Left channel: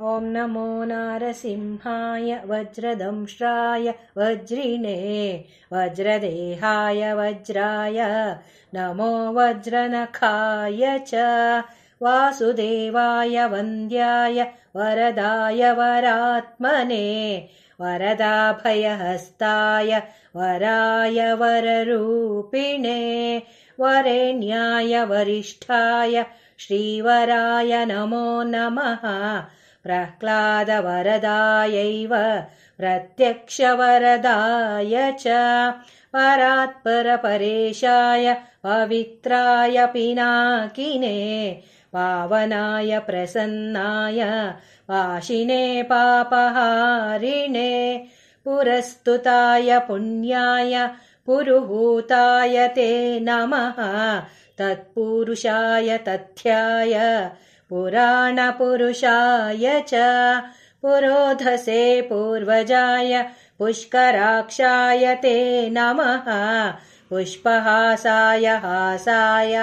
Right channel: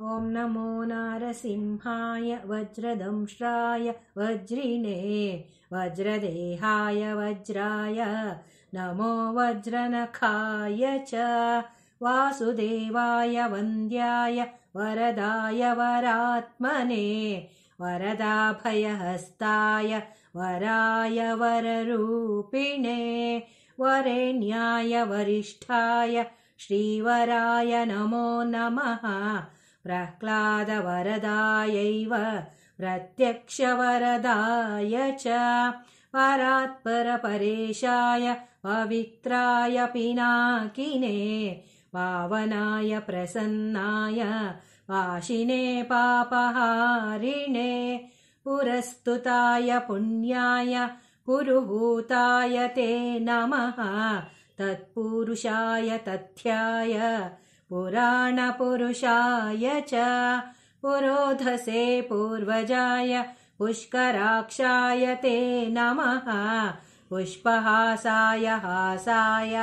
ॐ नमो नारसिंहाय वज्रदंष्ट्राय वज्रिणे वज्रदेहाय वज्राय नमो वज्रनखाय च वासुदेवाय वन्द्याय वरदाय वरात्मने वरदाभयहस्ताय वराय वररूपिणे वरेण्याय वरिष्ठाय श्रीवराय नमो नमः प्रह्लादवरदायैव प्रत्यक्षवरदाय च परात्परपरेशाय पवित्राय पिनाकिने पावनाय प्रसन्नाय वाशिने पापहारिणे पुरस्तुताय पुण्याय पुरुहूताय ते नमः तत्पुरुषाय तथ्याय पुराणपुरुषाय च पुरोधसे पूर्वजाय पुष्कराक्षाय ते नमः पुष्पहासाय हासाय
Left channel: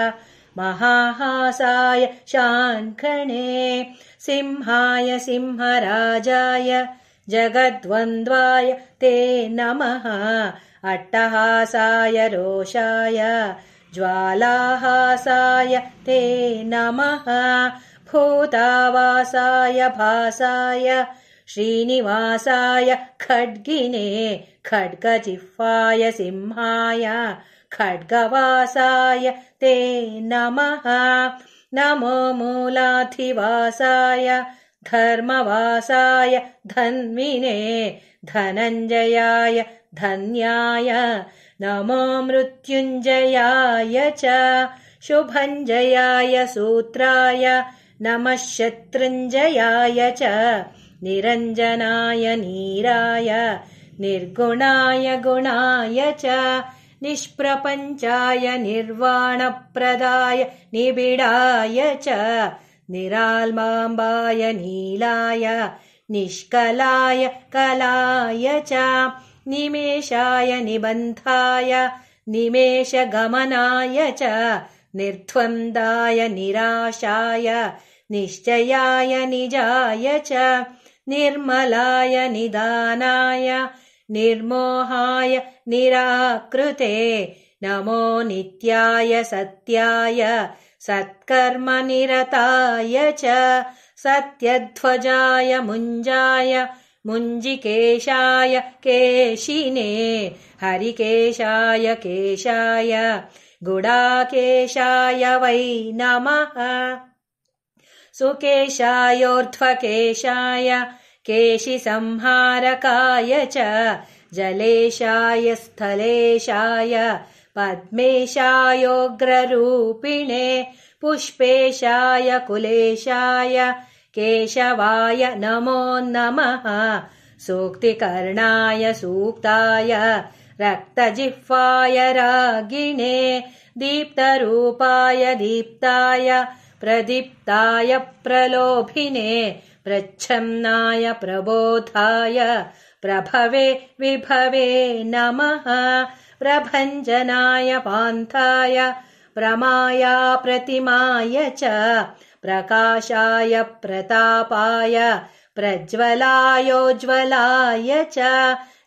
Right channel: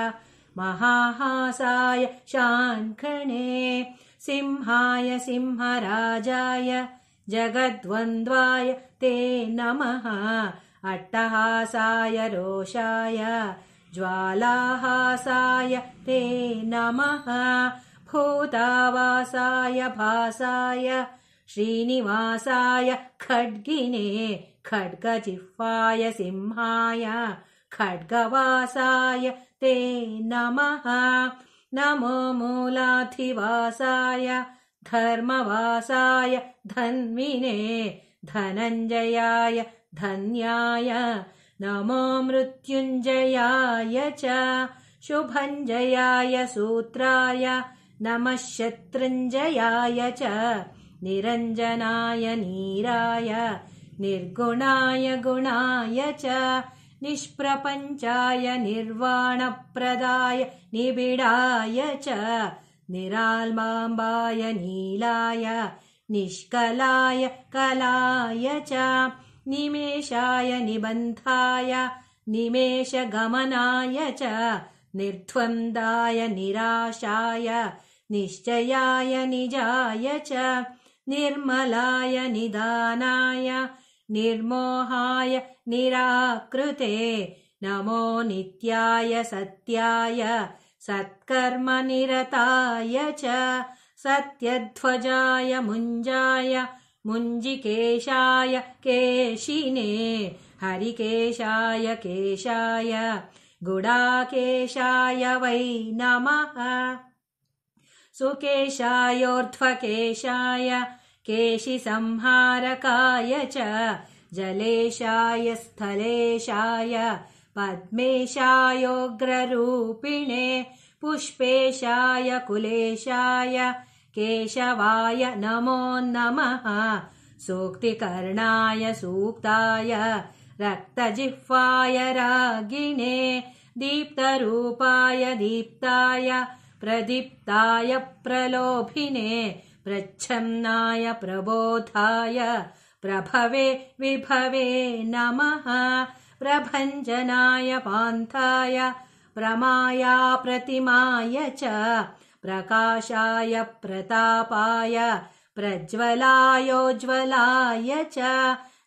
महाहासाय शाङ्खणे सिंहाय सिंहराजाय जगद्वन्द्वाय ते नमः अट्टहासाय रोषाय ज्वालाहासाय ते नमः भूतावासाय भासाय श्रीनिवासाय खड्गिने खड्गजिह्वाय सिंहाय खड्गवासाय ते नमः नमो मूलाधिवासाय धर्मवासाय धन्विने धनञ्जयाय धन्याय नमो मृत्युञ्जयाय च शुभञ्जयाय सूत्राय नमः शत्रुञ्जयाय च निरञ्जनाय नीराय निर्गुणाय गुणाय च निष्प्रपञ्चाय निर्वाणप्रदाय निबिडाय च निरालम्बाय नीलाय निष्कलाय कलाय च निमेषाय निबन्धाय निमेषगमनाय च निर्द्वन्द्वाय निराशाय निश्चयाय निजाय च निर्मलाय निदानाय निर्मोहाय निराकृते नमो नित्याय सत्याय सत्कर्मनिरताय च सत्यध्वजाय मुञ्जाय मुञ्जिकेशाय केशिने हरिकेशाय केशाय गुडाकेशाय वै नमः सुकेशायोर्ध्वकेशाय केशिसंहारकाय च जलेशाय स्थलेशाय पद्मेशायोग्ररूपिणे पुष्पेशाय कुलेशाय केशवाय नमो नमः सूक्तिकर्णाय सूक्ताय रक्तजिह्वाय रागिणे दीप्तरूपाय दीप्ताय प्रदीप्ताय प्रलोभिने प्रच्छन्नाय प्रबोधाय प्रभवे विभवे नमः प्रभञ्जनाय पान्थाय प्रमाया प्रतिमाय च प्रकाशाय प्रतापाय प्रज्वलायोज्वलाय च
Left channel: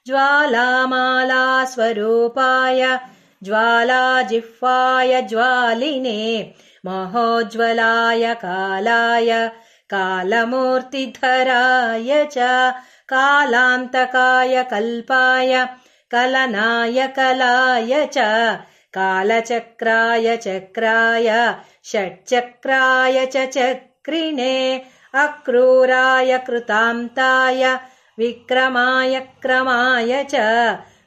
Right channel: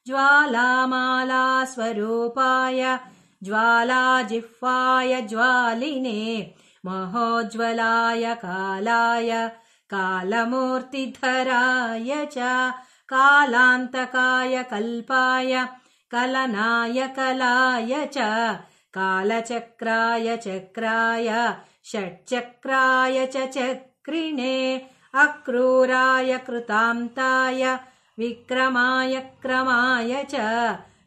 ज्वालामाला स्वरूपाय ज्वालाजिह्वाय ज्वालिने महोज्वलाय कालाय कालमूर्तिधराय च कालान्तकाय कल्पाय कलनाय कलाय च कालचक्राय चक्राय षट्चक्राय च चक्रिणे अक्रूराय कृतान्ताय विक्रमाय क्रमाय च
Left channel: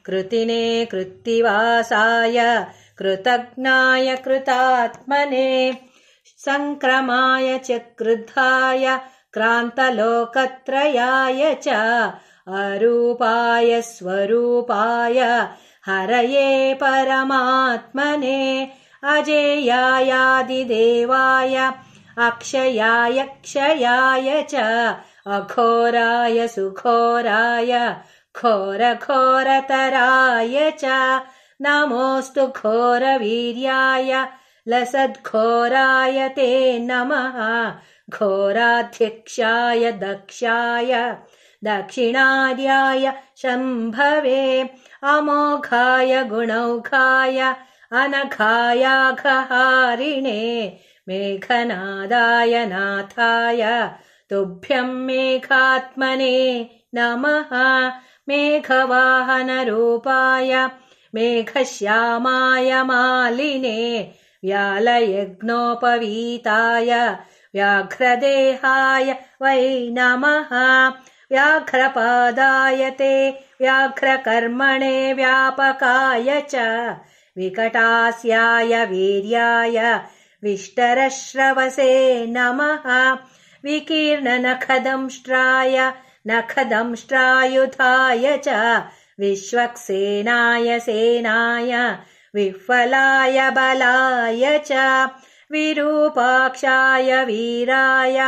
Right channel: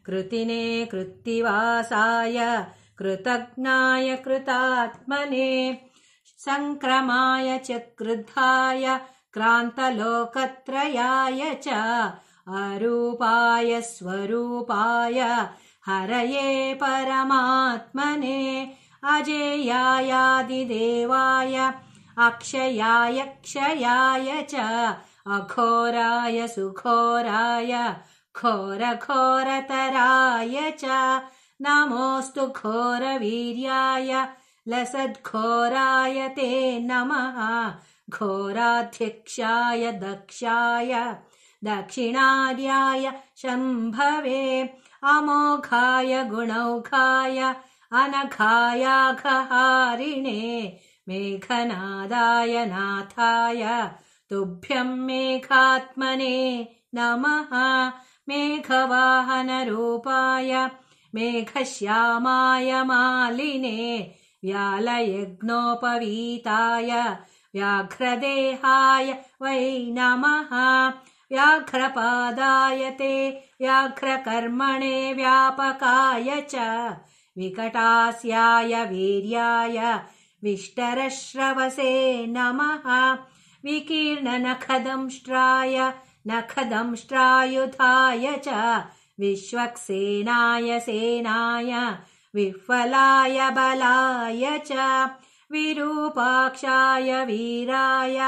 कृतिने कृत्तिवासाय कृतघ्नाय कृतात्मने संक्रमाय च क्रुद्धाय क्रान्तलोकत्रयाय च अरूपाय स्वरूपाय हरये परमात्मने अजेयायादिदेवाय अक्षयाय क्षयाय च अघोराय सुघोराय घोरघोरतराय च नमोऽस्तु घोरवीर्याय लसद्घोराय ते नमः घोराध्यक्षाय दक्षाय दक्षिणार्याय शम्भवे अमोघाय गुणौघाय अनघायाघहारिणे मेघनादाय नाथाय तुभ्यं मेघात्मने नमः मेघवाहनरूपाय मेघश्यामाय मालिने व्यालयज्ञोपवीताय व्याघ्रदेहाय वै नमः व्याघ्रपादाय ते व्याघ्रकर्मणे व्यापकाय च विकटास्याय वीर्याय विष्टरश्रवसे नमः विकीर्णनखदंष्ट्राय नखदंष्ट्रायुधाय च विश्वक्सेनाय सेनाय विह्वलाय बलाय च विरूपाक्षाय वीराय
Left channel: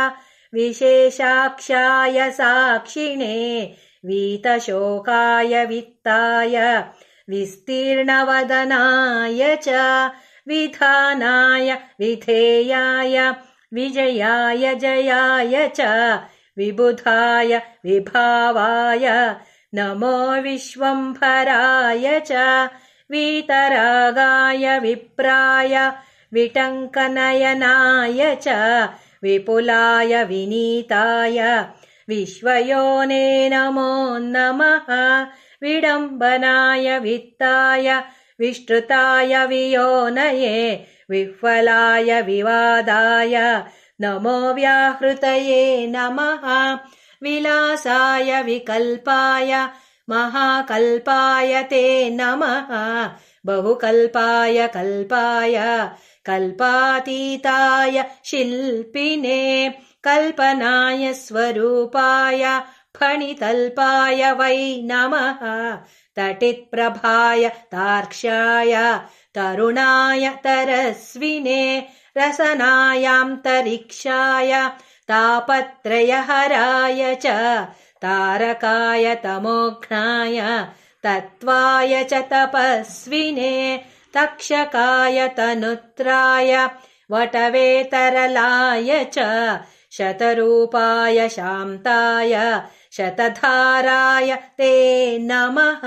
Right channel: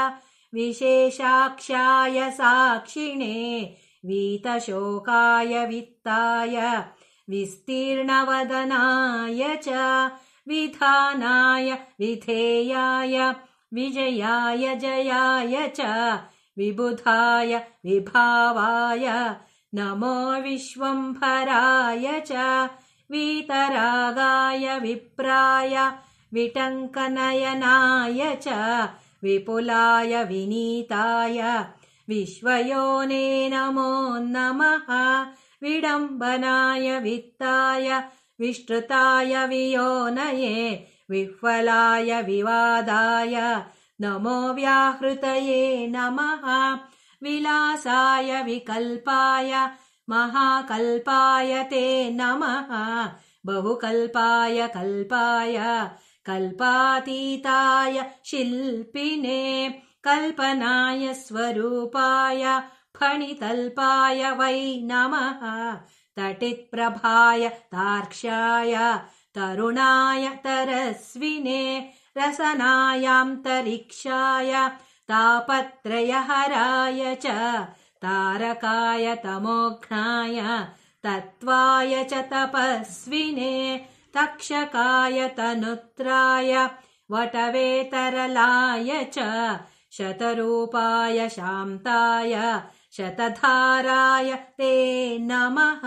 विशेषाक्षाय साक्षिणे वीतशोकाय वित्ताय विस्तीर्णवदनाय च विधानाय विधेयाय विजयाय जयाय च विबुधाय विभावाय नमो विश्वम्भराय च वीतरागाय विप्राय विटङ्कनयनाय च विपुलाय विनीताय विश्वयोने नमो नमः विडम्बनाय वित्ताय विष्टृताय वियोनये विह्वलाय विवादाय नमो व्याहृतये नमः विलासाय विकल्पाय महाकल्पाय ते नमः बहुकल्पाय कल्पाय कल्पातीताय शिल्पिने कल्पनाय स्वरूपाय फणितल्पाय वै नमः तटित्प्रभाय तार्क्ष्याय तरुणाय तरस्विने रसनायान्तरिक्षाय तापत्रयहराय च तारकाय तमोघ्नाय तत्त्वाय च तपस्विने तक्षकाय तनुत्राय वटवेतरलाय च शतरूपाय शान्ताय शतधाराय ते नमः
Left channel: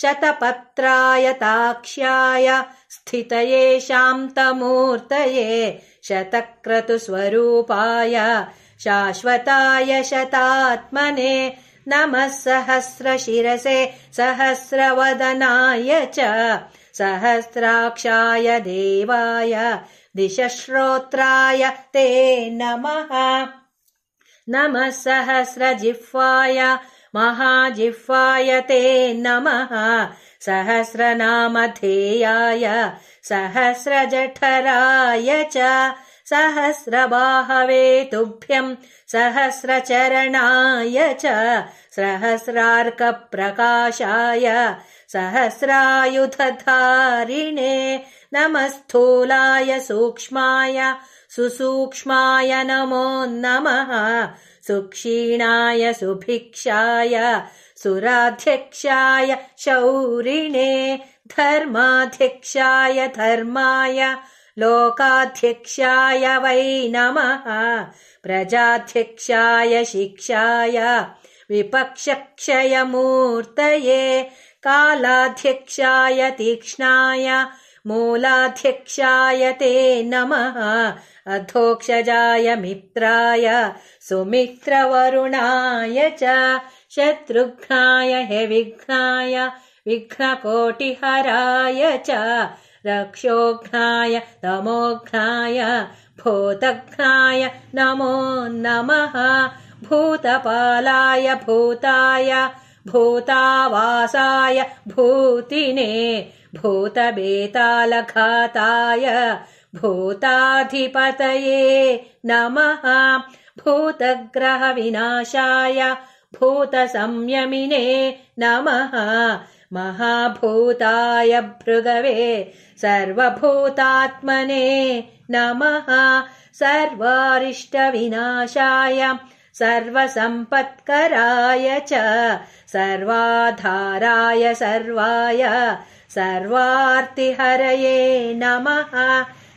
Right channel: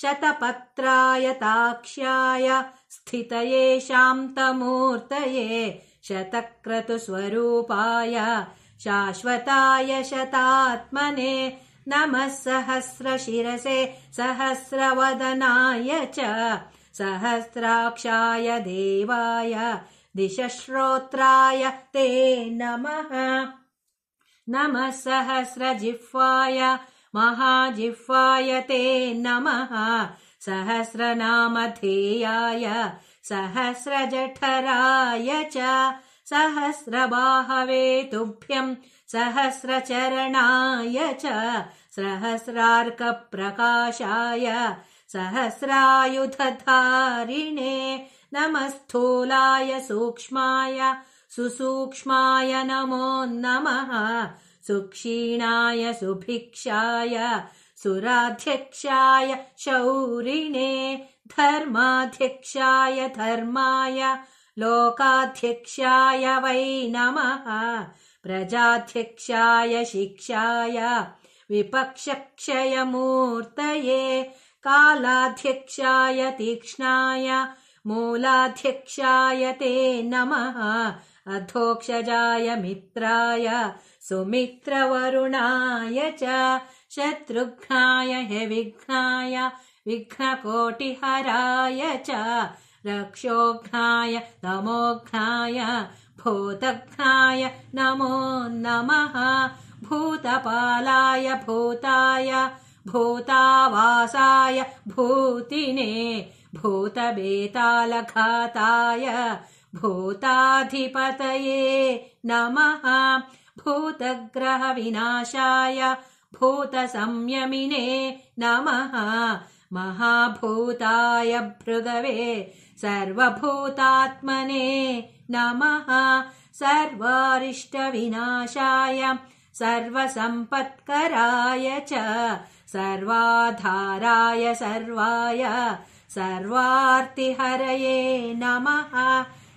शतपत्राय ताक्ष्याय स्थितये शान्तमूर्तये शतक्रतुस्वरूपाय शाश्वताय शतात्मने नमः सहस्रशिरसे सहस्रवदनाय च सहस्राक्षाय देवाय दिशश्रोत्राय ते नमः नमः सहस्रजिह्वाय महाजिह्वाय ते नमः सहस्रनामधेयाय सहस्रजठराय च सहस्रबाहवे तुभ्यं सहस्रचरणाय च सहस्रार्कप्रकाशाय सहस्रायुधधारिणे नमः स्थूलाय सूक्ष्माय सुसूक्ष्माय नमो नमः सुक्षीणाय सुभिक्षाय सुराध्यक्षाय शौरिणे धर्माध्यक्षाय धर्माय लोकाध्यक्षाय वै नमः प्रजाध्यक्षाय शिक्षाय विपक्षक्षयमूर्तये कालाध्यक्षाय तीक्ष्णाय मूलाध्यक्षाय ते नमः अधोक्षजाय मित्राय सुमित्रवरुणाय च शत्रुघ्नाय विघ्नाय विघ्नकोटिहराय च रक्षोघ्नाय तमोघ्नाय भूतघ्नाय नमो नमः भूतपालाय भूताय भूतावासाय भूतिने भूतबेतालघाताय भूताधिपतये नमः भूतग्रहविनाशाय भूतसंयमिने नमः महाभूताय भृगवे सर्वभूतात्मने नमः सर्वारिष्टविनाशाय सर्वसम्पत्कराय च सर्वाधाराय सर्वाय सर्वार्तिहरये नमः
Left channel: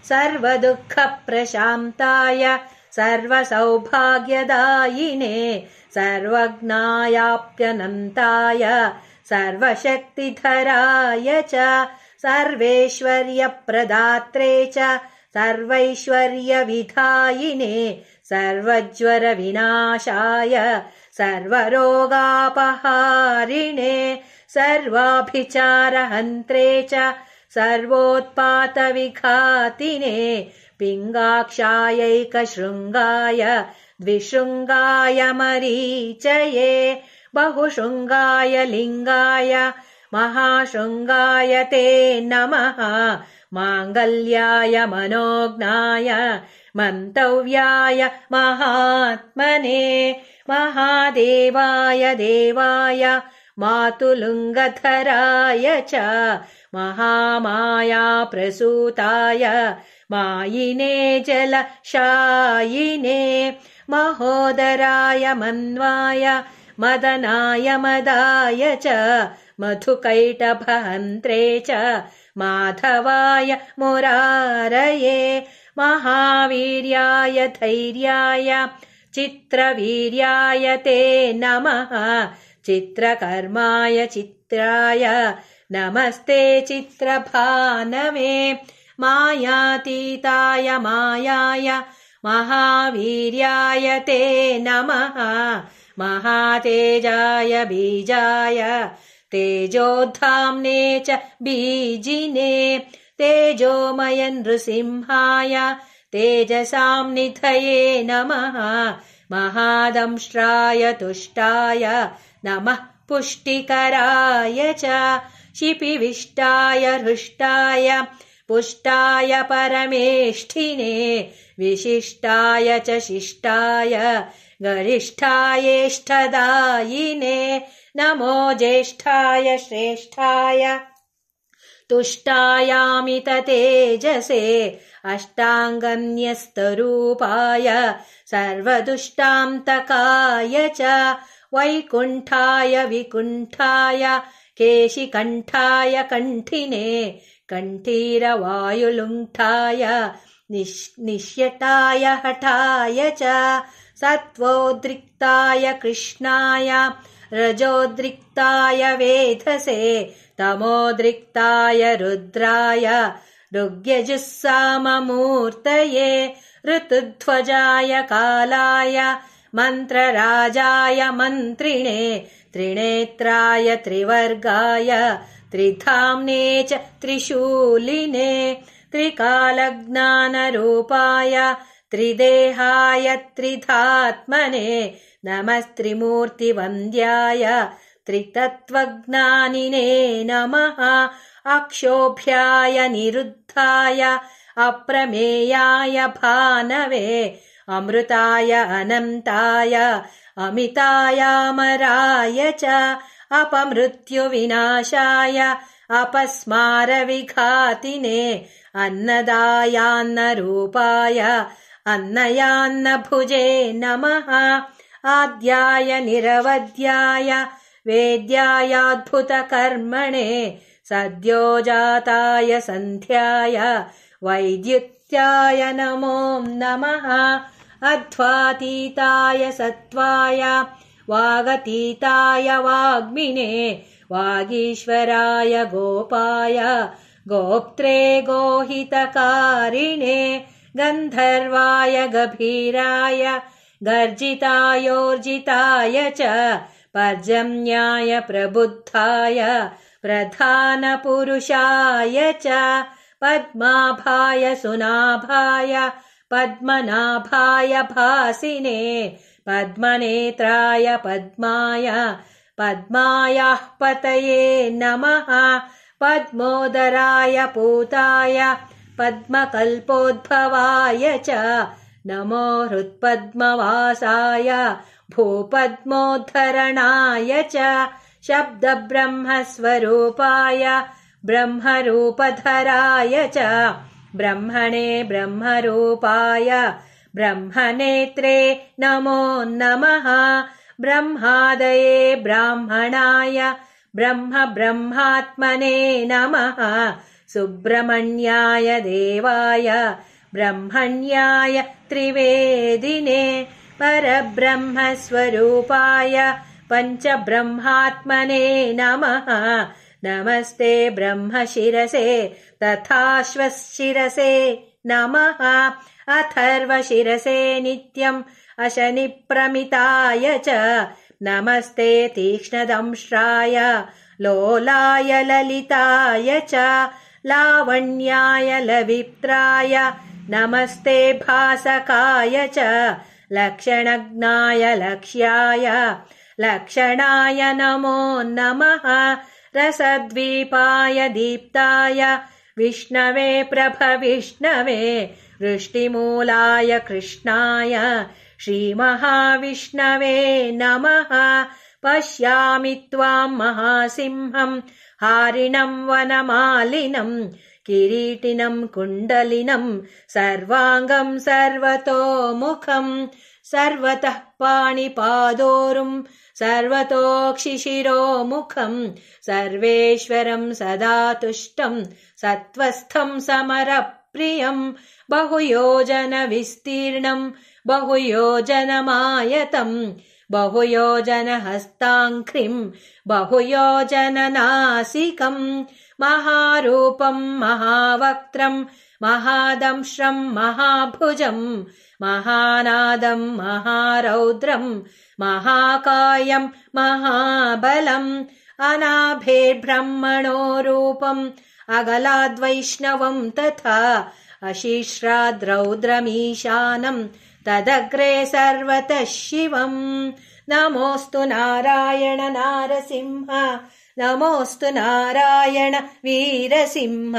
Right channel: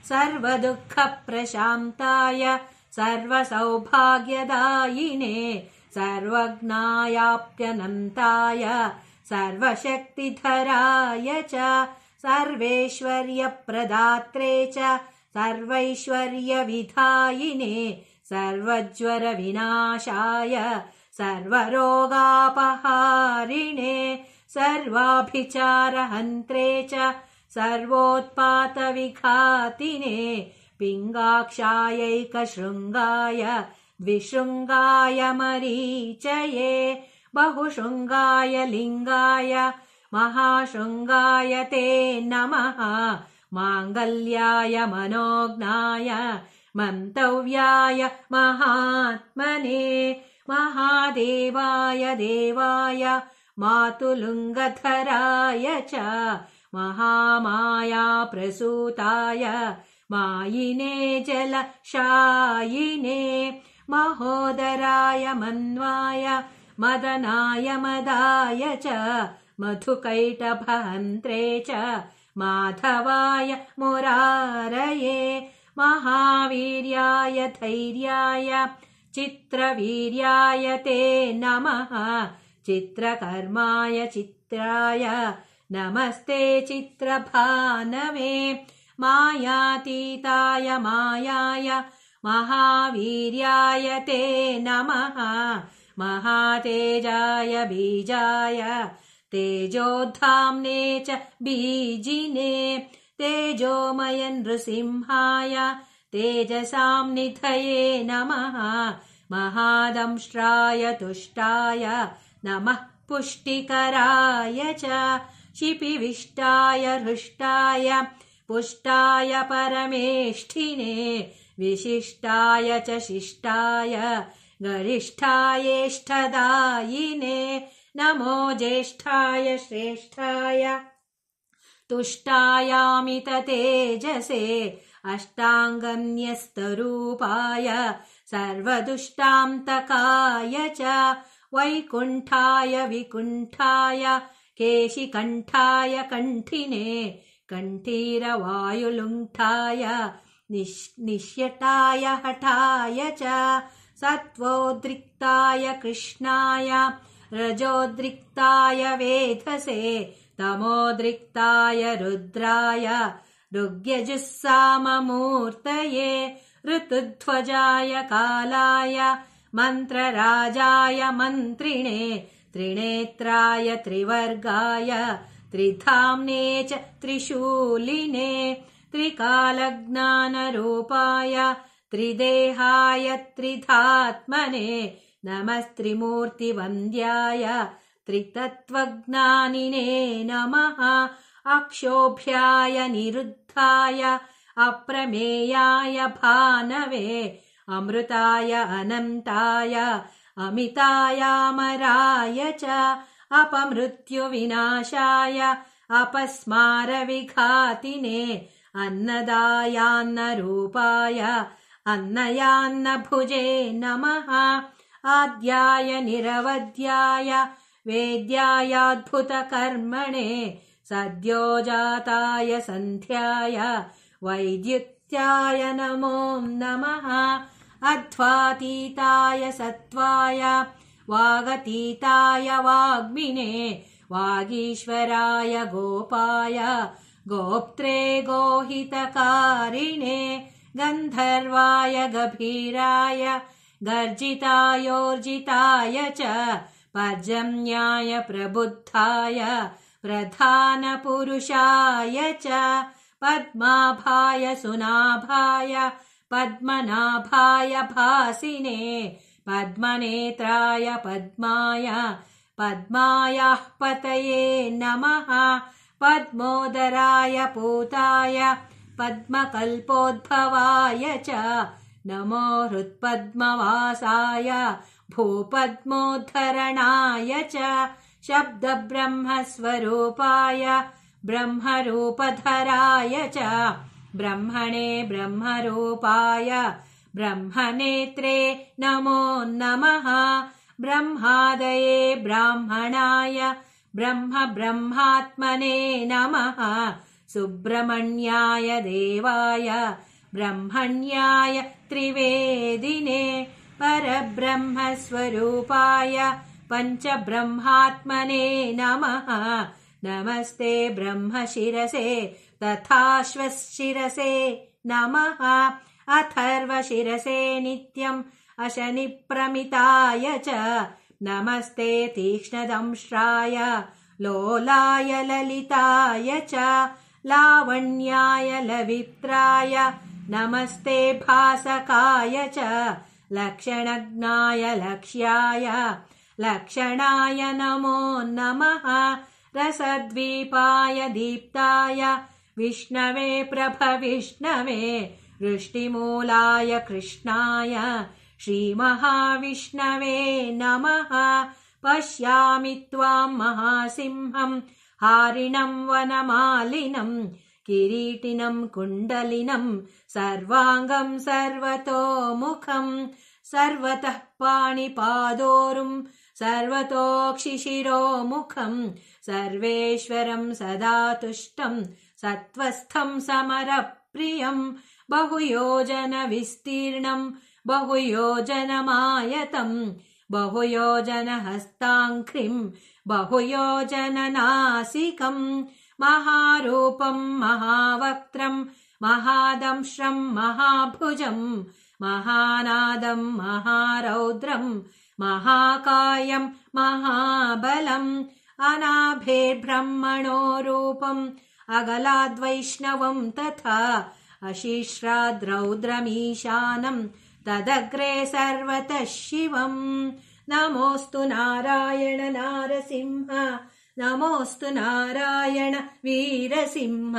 सर्वदुःखप्रशान्ताय सर्वसौभाग्यदायिने सर्वज्ञायाप्यनन्ताय सर्वशक्तिधराय च सर्वैश्वर्यप्रदात्रे च सर्वैश्वर्यविधायिने सर्वज्वरविनाशाय सर्वरोगापहारिणे सर्वाभिचारहन्त्रे च सर्वोत्पातविघातिने पिङ्गाक्षायैकशृङ्गाय द्विशृङ्गाय मरीचये बहुशृङ्गाय लिङ्गाय महाशृङ्गाय ते नमः माङ्गल्याय मनोज्ञाय मन्तव्याय महात्मने महादेवाय देवाय मातुलुङ्गधराय च महामाया प्रसूताय मायिने जलशायिने महोदराय मन्वाय मदनाय मदाय च मधुकैटभहन्त्रे च माधवाय मुरारये महावीर्याय धैर्याय चित्रवीर्याय ते नमः चित्रकर्माय चित्राय नमस्ते चित्रभानवे मायातीताय मायाय महावीर्याय ते नमः महातेजाय बीजाय तेजोधाम्ने च बीजिने तेजोमय नृसिंहाय तेजसां निधये नमः महादंष्ट्राय तुष्टाय नमः पुष्टिकराय च शिपिविष्टाय हृष्टाय पुष्टाय परमेष्ठिने विशिष्टाय च शिष्टाय गरिष्ठायेष्ठदायिने नमो ज्येष्ठाय श्रेष्ठाय तुष्टायामिततेजसे अष्टाङ्गन्यस्तरूपाय सर्वदुष्टान्तकाय च वैकुण्ठाय विकुण्ठाय केशिकण्ठाय कण्ठिने कण्ठीरवायुलुण्ठाय निश्यटाय हठाय च सत्त्वोद्रिक्ताय कृष्णाय रजोद्रिक्ताय वेधसे तमोद्रिक्ताय रुद्राय ऋग्यजुस्साममूर्तये ऋतुध्वजाय कालाय मन्त्रराजाय मन्त्रिणे त्रिनेत्राय त्रिवर्गाय त्रिधाम्ने च त्रिशूलिने त्रिकालज्ञानरूपाय त्रिदेहाय त्रिधात्मने नमस्त्रिमूर्तिवन्द्याय त्रितत्त्वज्ञानिने नमः अक्षोभ्याय निरुद्धाय अप्रमेयाय भानवे अमृताय अनन्ताय अमितायामराय च अपमृत्युविनाशाय अपस्मारविघातिने अन्नदायान्नरूपाय अन्नयान्नभुजे नमः आद्याय निरवध्याय वेद्यायाद्भुतकर्मणे सद्योजाताय सन्ध्याय वैद्युत्याय नमो नमः अध्वातीताय सत्त्वाय वागतीताय वाग्मिने वागीश्वराय गोपाय गोप्त्रे गोहितकारिणे गन्धर्वाय गभीराय गर्जितायोर्जिताय च पर्जन्याय प्रबुद्धाय प्रधानपुरुषाय च पद्माभाय सुनाभाय पद्मनाभाय भासिने पद्मनेत्राय पद्माय पद्मायाः पतये नमः पद्मोदराय पूताय पद्मकल्पोद्भवाय च नमो हृत्पद्मवासाय भूपद्मोद्धरणाय च शब्दब्रह्मस्वरूपाय ब्रह्मरूपधराय च ब्रह्मणे ब्रह्मरूपाय ब्रह्मनेत्रे नमो नमः ब्रह्मादये ब्राह्मणाय ब्रह्मात्मने नमः सुब्रह्मण्याय देवाय ब्रह्मण्याय त्रिवेदिने परब्रह्मस्वरूपाय पञ्चब्रह्मात्मने नमः। नमस्ते ब्रह्मशिरसे तथाश्वशिरसे नमः। अथर्वशिरसे नित्यम् अशनिप्रमिताय च नमस्ते तीक्ष्णदंष्ट्राय लोलाय ललिताय च लावण्याय लवित्राय नमस्ते भासकाय च लक्षणज्ञाय लक्ष्याय लक्षणाय नमो नमः। रसद्वीपाय दीप्ताय विष्णवे प्रभविष्णवे वृष्टिमूलाय कृष्णाय श्रीमहाविष्णवे नमः। पश्यामि त्वां महासिंहं हारिणं वनमालिनं किरीटिनं कुण्डलिनं सर्वाङ्गं सर्वतोमुखं सर्वतः पाणिपादोरुं सर्वतोक्षिशिरोमुखं सर्वेश्वरं सदा तुष्टं सत्त्वस्थं समरप्रियं बहुयोजनविस्तीर्णं बहुयोजनमायतं बहुयोजनहस्ताङ्घ्रिं बहुयोजननासिकं महारूपं महावक्त्रं महादंष्ट्रं महाभुजं महानादं महारौद्रं महाकायं महाबलम् अनाभेर्ब्रह्मणो रूपम् अगलाद्वैष्णवं तथा अशिश्राद्रौद्रमीशानं तदग्रे सर्वतः शिवम्। नमोऽस्तु नारायण नारसिंह नमोऽस्तु नारायण वीरसिंह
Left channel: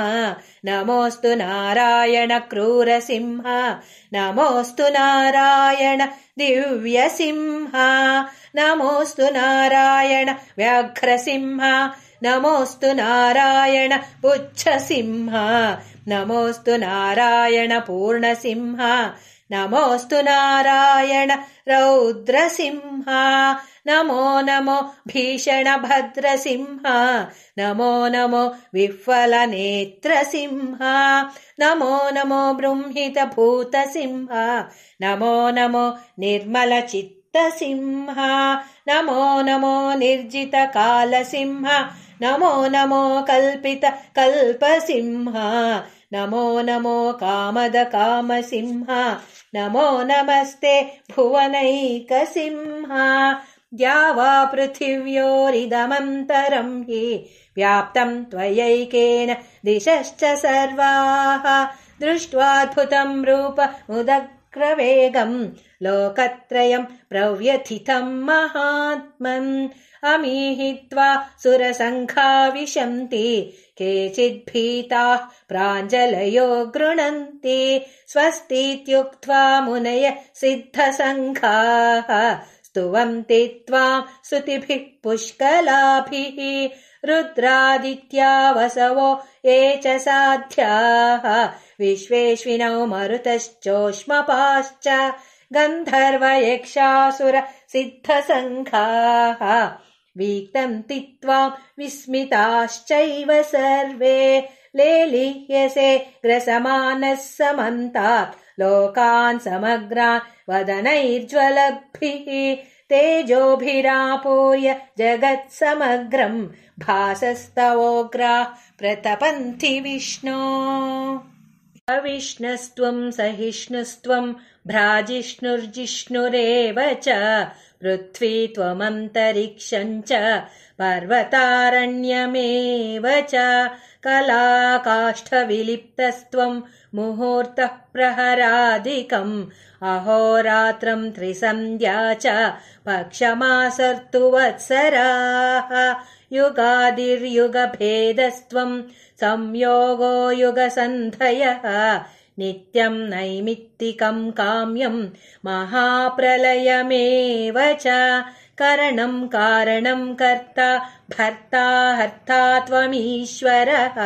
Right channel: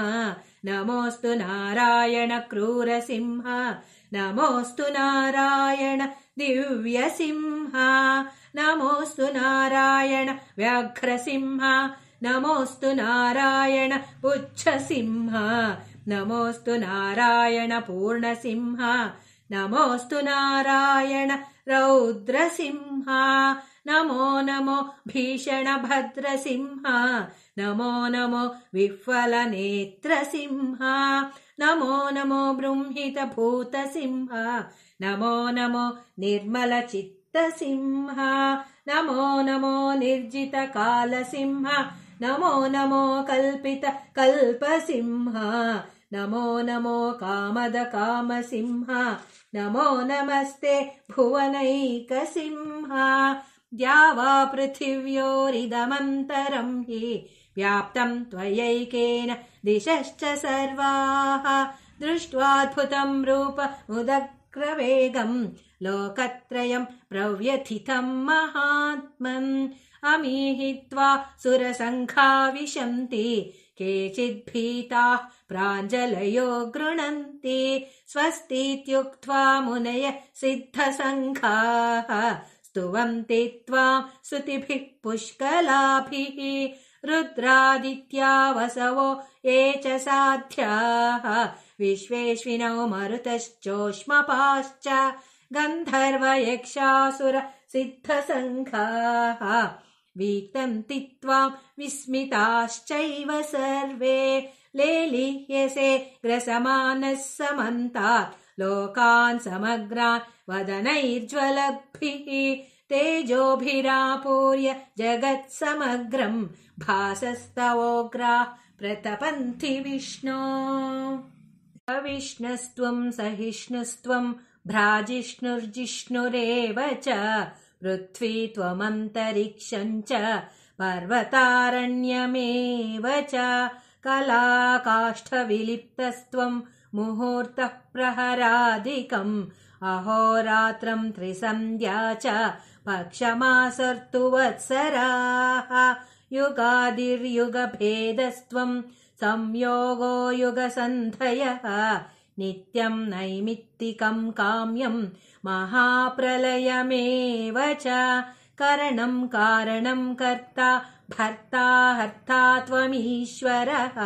नमोऽस्तु नारायण क्रूरसिंह नमोऽस्तु नारायण दिव्यसिंह नमोऽस्तु नारायण व्याघ्रसिंह नमोऽस्तु नारायण पुच्छसिंह नमोऽस्तु नारायण पूर्णसिंह नमोऽस्तु नारायण रौद्रसिंह नमो नमो भीषणभद्रसिंह नमो नमो विह्वलनेत्रसिंह नमो नमो बृंहितभूतसिंह नमो नमो निर्मलचित्तसिंह नमो नमो निर्जितकालसिंह नमो नमो कल्पितकल्पसिंह नमो नमो कामदकामसिंह नमो नमस्ते भुवनैकसिंह। द्यावा पृथिव्योरिदमन्तरं हि व्याप्तं त्वयैकेन दिशश्च सर्वाः दृष्ट्वाद्भुतं रूपमुदग्रवेगं लोकत्रयं प्रव्यथितं महात्मन् अमीहित्वा सुरसङ्घा विशन्ति केचिद्भीताः प्राञ्जलयो गृह्णन्ति स्वस्तीत्युक्त्वा मुनय सिद्धसङ्घाः स्तुवन्ति त्वां स्तुतिभिः पुष्कलाभिः रुद्रादित्या वसवो ये च साध्याः विश्वेश्विनौ मरुतश्चोष्मपाश्च गन्धर्वयक्षासुर सिद्धसङ्घाः वीक्तन्ति त्वां विस्मिताश्चैव सर्वे लेलिह्यसे ग्रसमानः समन्तात् लोकान् समग्रान् वदनैर्ज्वलद्भिः तेजोभिरापूर्य जगत्समग्रं भासस्तवोग्राः प्रतपन्ति विष्णो। अविष्णस्त्वं सहिष्णुस्त्वं भ्राजिष्णुर्जिष्णुरेव च पृथ्वी त्वमन्तरिक्षं च पर्वतारण्यमेव च कलाकाष्ठविलिप्तस्त्वं मुहूर्तः प्रहरादिकम् अहोरात्रं त्रिसन्ध्या च पक्षमासर्तुवत्सराः युगादिर्युगभेदस्त्वं संयोगो युगसन्धयः नित्यं नैमित्तिकं काम्यं महाप्रलयमेव च करणं कारणं कर्ता भर्ता हर्ता त्वमीश्वरः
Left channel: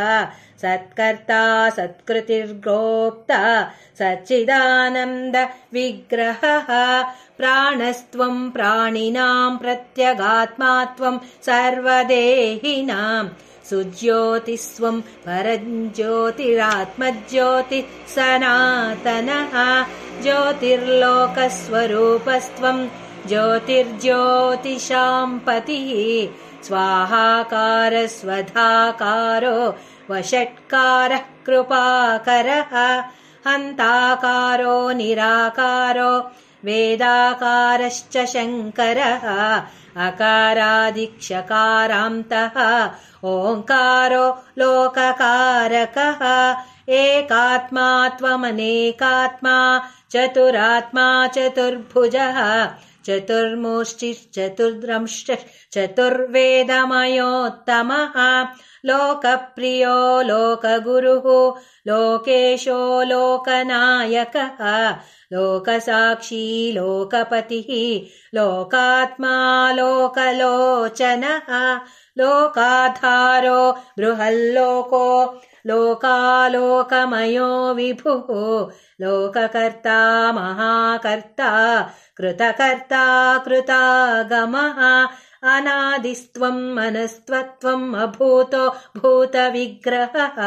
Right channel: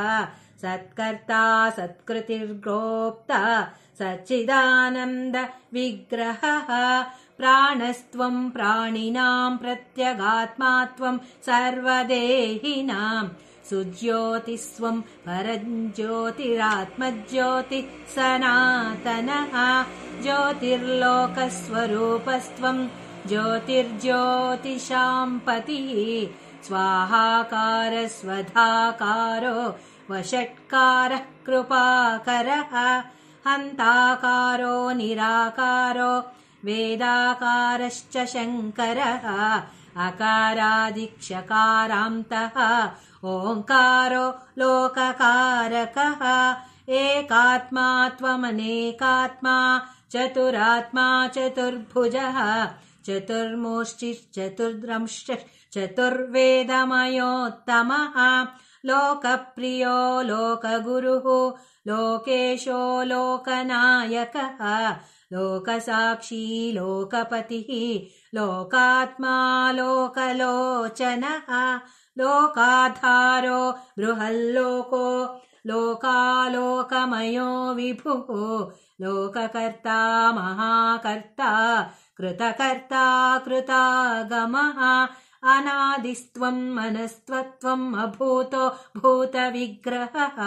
सत्कर्ता सत्कृतिर्गोप्ता सच्चिदानन्द विग्रहः प्राणस्त्वं प्राणिनां प्रत्यगात्मा त्वं सर्वदेहिनां सुज्योतिस्त्वं परज्योतिरात्मज्योतिः सनातनः ज्योतिर्लोकस्वरूपस्त्वं ज्योतिर्ज्योतिषां पतिः स्वाहाकार स्वधाकारो वषट्कारः कृपाकरः हन्ताकारो निराकारो वेदाकारश्च शङ्करः अकारादिक्षकारान्तः ओङ्कारो लोककारकः एकात्मा त्वमनेकात्मा चतुरात्मा चतुर्भुजः चतुर्वेदमयोत्तमः लोकप्रियो लोकगुरुः लोकेशो लोकनायकः लोकसाक्षी लोकपतिः लोकात्मा लोकलोचनः लोकाधारो बृहल्लोको लोकालोकमयो विभुः लोककर्ता महाकर्ता कृतकर्ता कृतागमः अनादिस्त्वं मनस्त्वत्वम् अभूतो भूतविग्रहः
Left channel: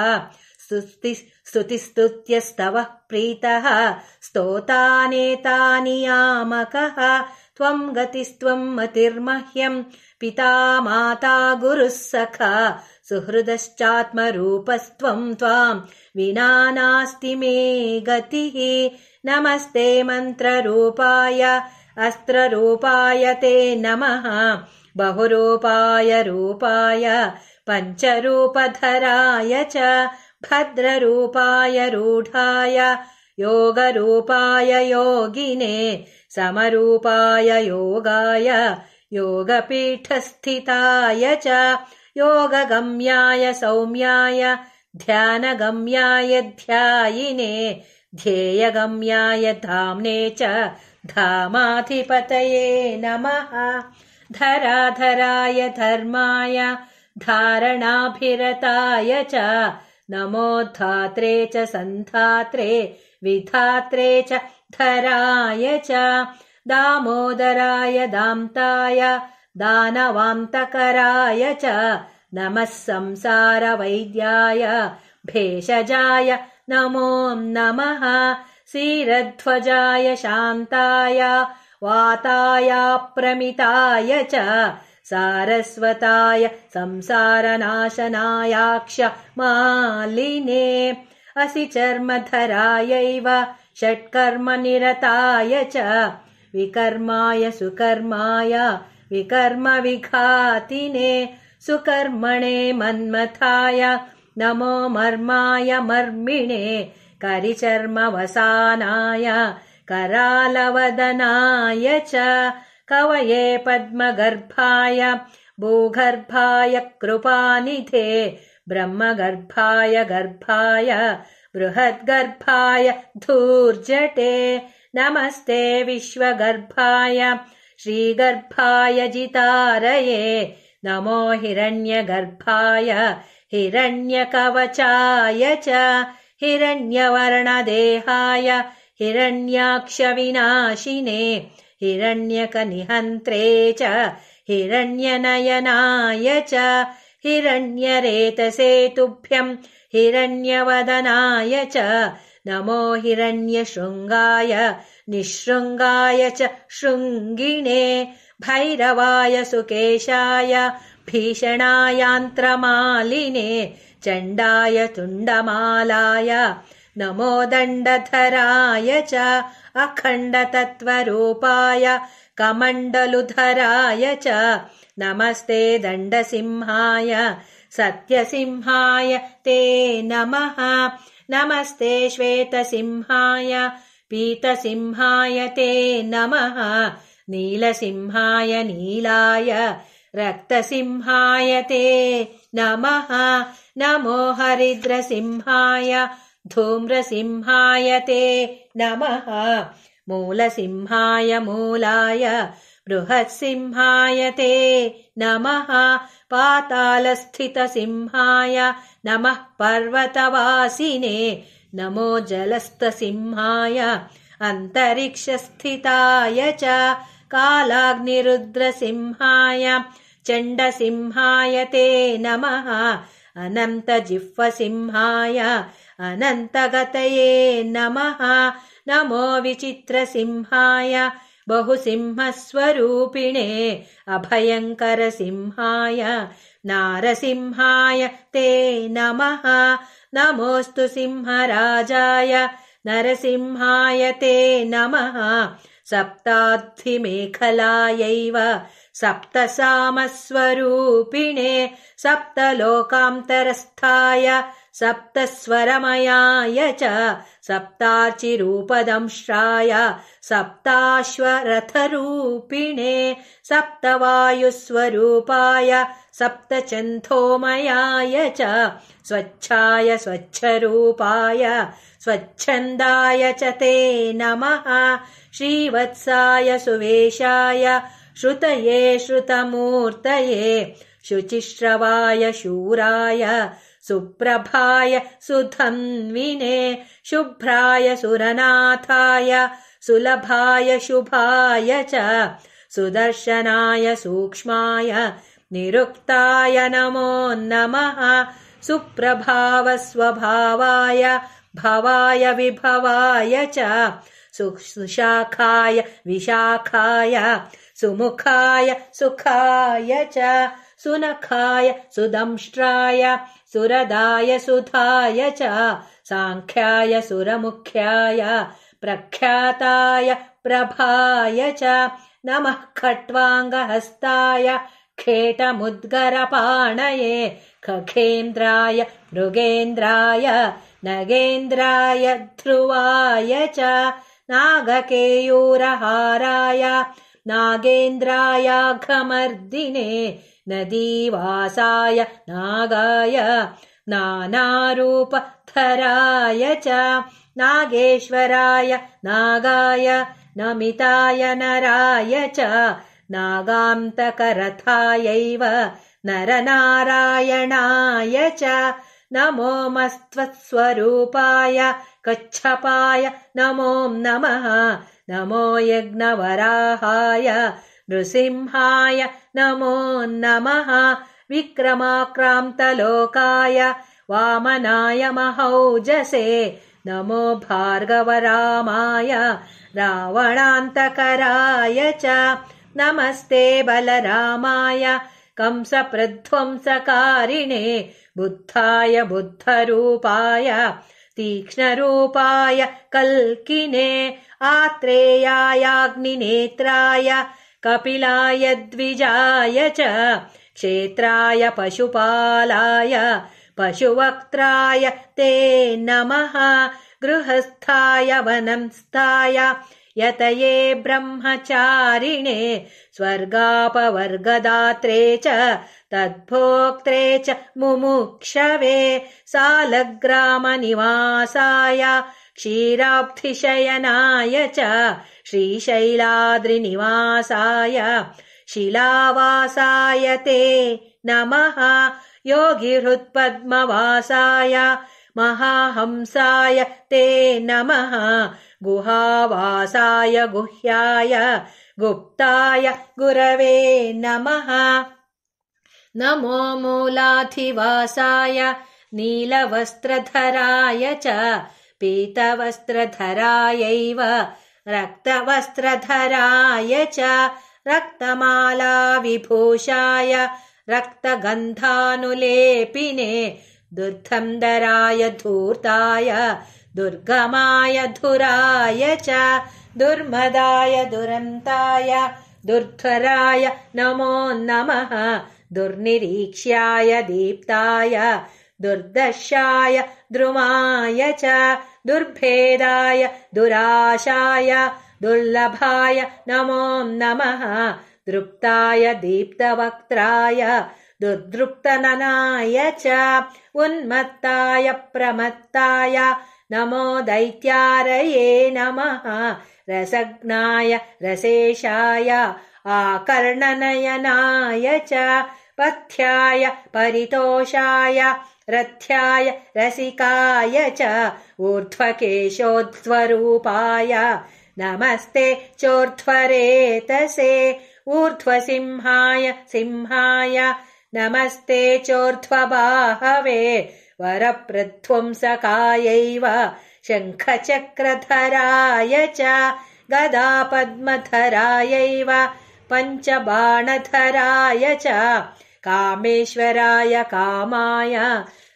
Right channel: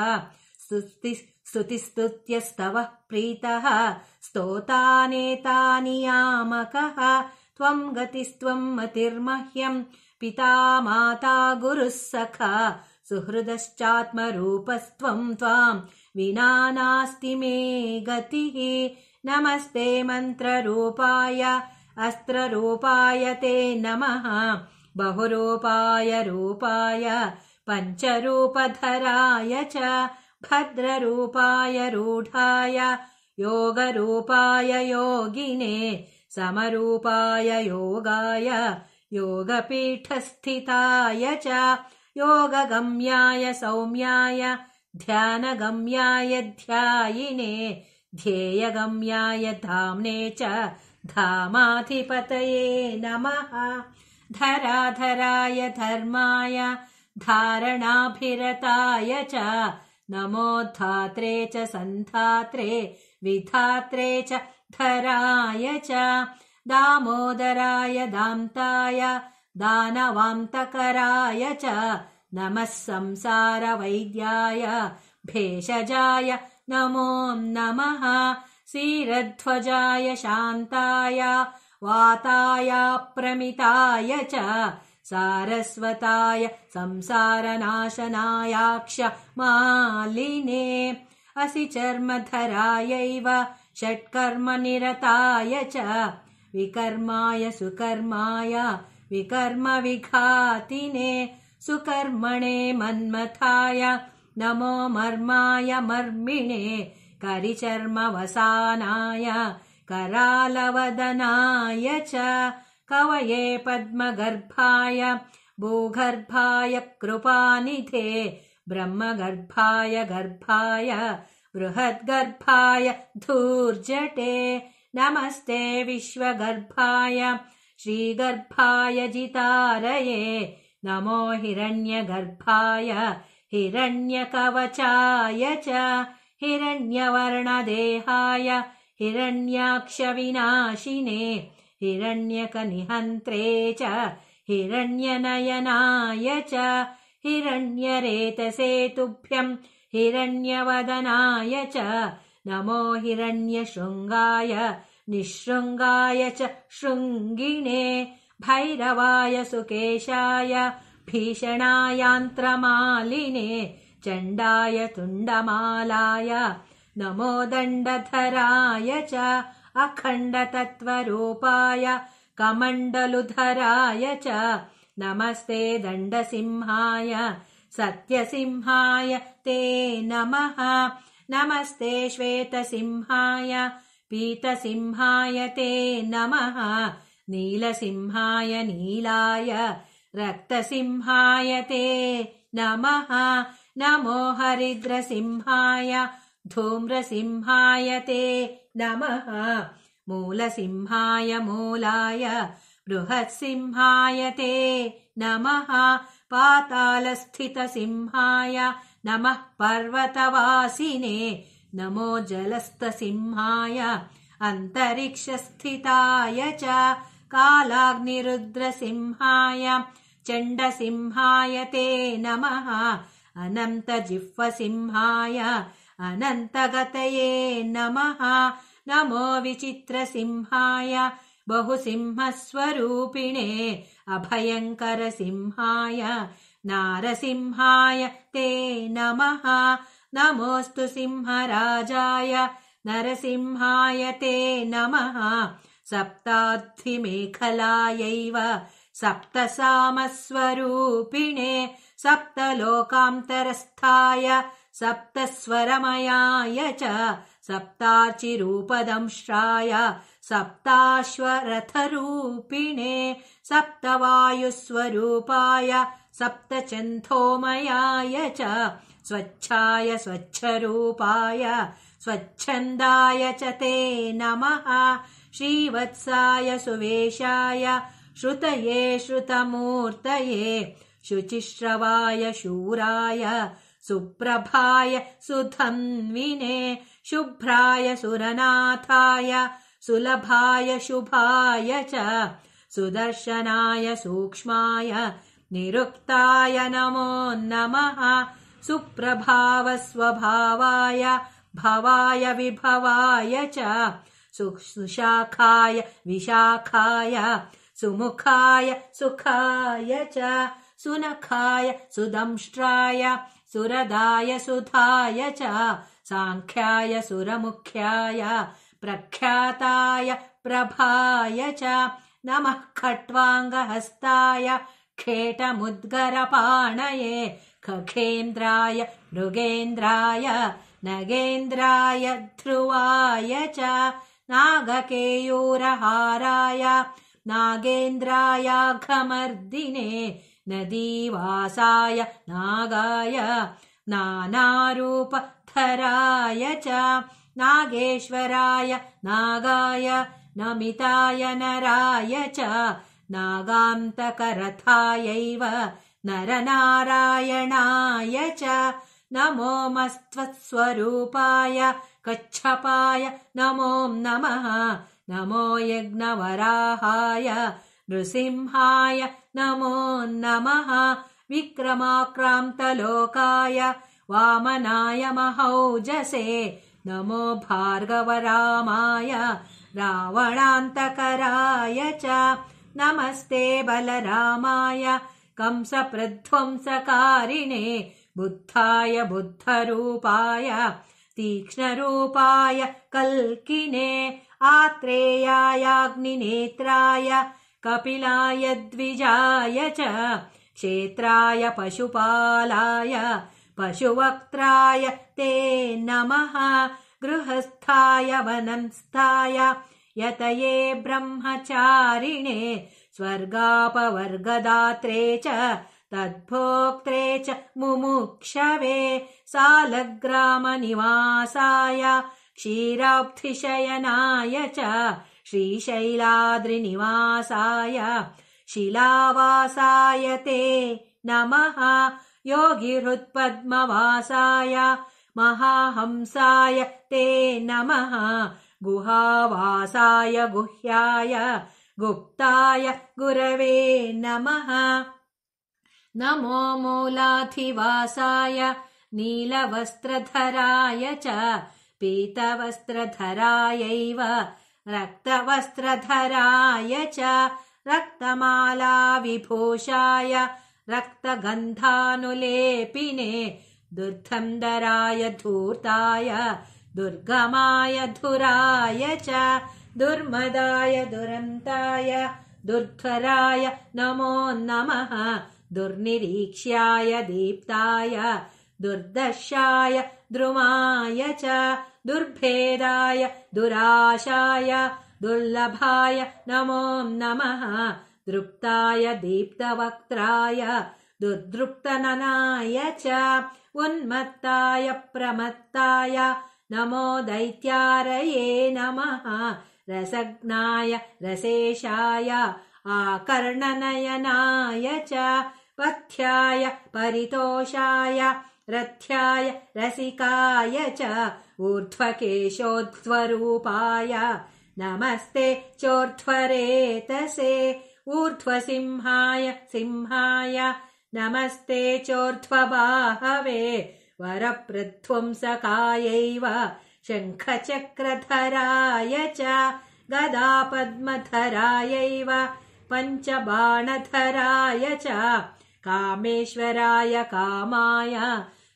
स्तुतिस्तुत्यस्तवः प्रीतः स्तोतानेतानियामकः त्वं गतिस्त्वं मतिर्मह्यं पिता माता गुरुः सखा सुहृदश्चात्मरूपस्त्वं त्वां विना नास्ति मे गतिः नमस्ते मन्त्ररूपाय अस्त्ररूपाय ते नमः बहुरूपाय रूपाय पञ्चरूपधराय च भद्ररूपाय रूढाय योगरूपाय योगिने समरूपाय योगाय योगपीठस्थिताय च योगगम्याय सौम्याय ध्यानगम्याय ध्यायिने ध्येयगम्याय धाम्ने च धामाधिपतये नमः धराधराय धर्माय धारणाभिरताय च नमोद्धात्रे च सन्धात्रे विधात्रे च धराय च दामोदराय दान्ताय दानवान्तकराय च नमः संसारवैद्याय भेषजाय नमो नमः क्षीरध्वजाय शान्ताय वाताय प्रमिताय च सारस्वताय संसारनाशनायाक्ष मालिने असिचर्मधरायैव षट्कर्मनिरताय च विकर्माय सुकर्माय विकर्मविघातिने सुकर्मणे मन्मथाय नमो मर्माय मर्मिणे करिचर्मवसानाय करालवदनाय च कवये पद्मगर्भाय भूगर्भाय कृपानिधे ब्रह्मगर्भाय गर्भाय बृहद्गर्भाय धूर्जटे नमस्ते विश्वगर्भाय श्रीगर्भाय जितारये नमो हिरण्यगर्भाय हिरण्यकवचाय च हिरण्यवर्णदेहाय हिरण्याक्षविनाशिने हिरण्यकनिहन्त्रे च हिरण्यनयनाय च हिरण्यरेतसे तुभ्यं हिरण्यवदनाय च नमो हिरण्यशृङ्गाय निःशृङ्गाय च शृङ्गिणे भैरवाय सुकेशाय भीषणायान्त्रमालिने चण्डाय तुण्डमालाय नमो दण्डधराय च अखण्डतत्त्वरूपाय कमण्डलुधराय च नमस्ते दण्डसिंहाय सत्यसिंहाय ते नमः नमस्ते श्वेतसिंहाय पीतसिंहाय ते नमः नीलसिंहाय नीलाय रक्तसिंहाय ते नमः नमो हरिद्रसिंहाय धूम्रसिंहाय ते नमः मूलसिंहाय मूलाय बृहत्सिंहाय ते नमः पातालस्थितसिंहाय नमः पर्वतवासिने नमो जलस्थसिंहाय अन्तरिक्षस्थिताय च कालाग्निरुद्रसिंहाय चण्डसिंहाय ते नमः अनन्तजिह्वसिंहाय अनन्तगतये नमः नमो विचित्रसिंहाय बहुसिंहस्वरूपिणे अभयङ्करसिंहाय नारसिंहाय ते नमः नमोऽस्तु सिंहराजाय नरसिंहाय ते नमः सप्ताद्धिमेखलायैव सप्तसामस्वरूपिणे सप्तलोकान्तरस्थाय सप्तस्वरमयाय च सप्तार्चिरूपदंष्ट्राय सप्ताश्वरथरूपिणे सप्तवायुस्वरूपाय सप्तचन्थोमयाय च स्वच्छाय स्वच्छरूपाय स्वच्छन्दाय च ते नमः श्रीवत्साय सुवेशाय श्रुतये श्रुतमूर्तये शुचिश्रवाय शूराय सुप्रभाय सुधन्विने शुभ्राय सुरनाथाय सुलभाय शुभाय च सुदर्शनाय सूक्ष्माय निरुक्ताय नमो नमः सुप्रभावस्वभावाय भवाय विभवाय च सुशाखाय विशाखाय सुमुखाय सुखाय च सुनखाय सुदंष्ट्राय सुरदाय सुधाय च सांख्याय सुरमुख्याय प्रख्याताय प्रभाय च नमः खट्वाङ्गहस्ताय खेटमुद्गरपाणये खखेन्द्राय मृगेन्द्राय नगेन्द्राय ध्रुवाय च नागकेयूरहाराय नागेन्द्रायाघमर्दिने नदीवासाय नागाय नानारूपधराय च नागेश्वराय नागाय नमिताय नराय च नागान्तकरथायैव नरनारायणाय च नमो मस्त्वत्स्वरूपाय कच्छपाय नमो नमः नमो यज्ञवराहाय नृसिंहाय नमो नमः विक्रमाक्रान्तलोकाय वामनाय महौजसे नमो भार्गवरामाय रावणान्तकराय च नमस्ते बलरामाय कंसप्रध्वंसकारिणे बुद्धाय बुद्धरूपाय तीक्ष्णरूपाय कल्किने आत्रेयायाग्निनेत्राय कपिलाय द्विजाय च क्षेत्राय पशुपालाय पशुवक्त्राय ते नमः गृहस्थाय वनंस्थाय यतये ब्रह्मचारिणे स्वर्गापवर्गदात्रे च तद्भोक्त्रे च मुमुक्षवे सालग्रामनिवासाय क्षीराब्धिशयनाय च श्रीशैलाद्रिनिवासाय शिलावासाय ते नमः योगिहृत्पद्मवासाय महाहंसाय ते नमः गुहावासाय गुह्याय गुप्ताय गुरवे नमः नमो मूलाधिवासाय नीलवस्त्रधराय च पीतवस्त्रधरायैव रक्तवस्त्रधराय च रक्तमालाविभूषाय रक्तगन्धानुलेपिने दुर्धन्दराय धूर्ताय दुर्गमाय धुराय च दुर्मदाय दुरन्ताय दुर्धराय नमो नमः दुर्निरीक्ष्याय दीप्ताय दुर्दशाय द्रुमाय च दुर्भेदाय दुराशाय दुर्लभाय नमो नमः दृप्ताय दीप्तवक्त्राय दुर्दृप्तननाय च उन्मत्ताय प्रमत्ताय नमो दैत्यारये नमः रसज्ञाय रसेशाय आकर्णनयनाय च पथ्याय परितोषाय रथ्याय रसिकाय च ऊर्ध्वकेशोध्वरूपाय नमस्ते चोर्ध्वरेतसे ऊर्ध्वसिंहाय सिंहाय नमस्ते चोर्ध्वबाहवे वरप्रध्वंसकायैव शङ्खचक्रधराय च गदापद्मधरायैव पञ्चबाणधराय च कामेश्वराय कामाय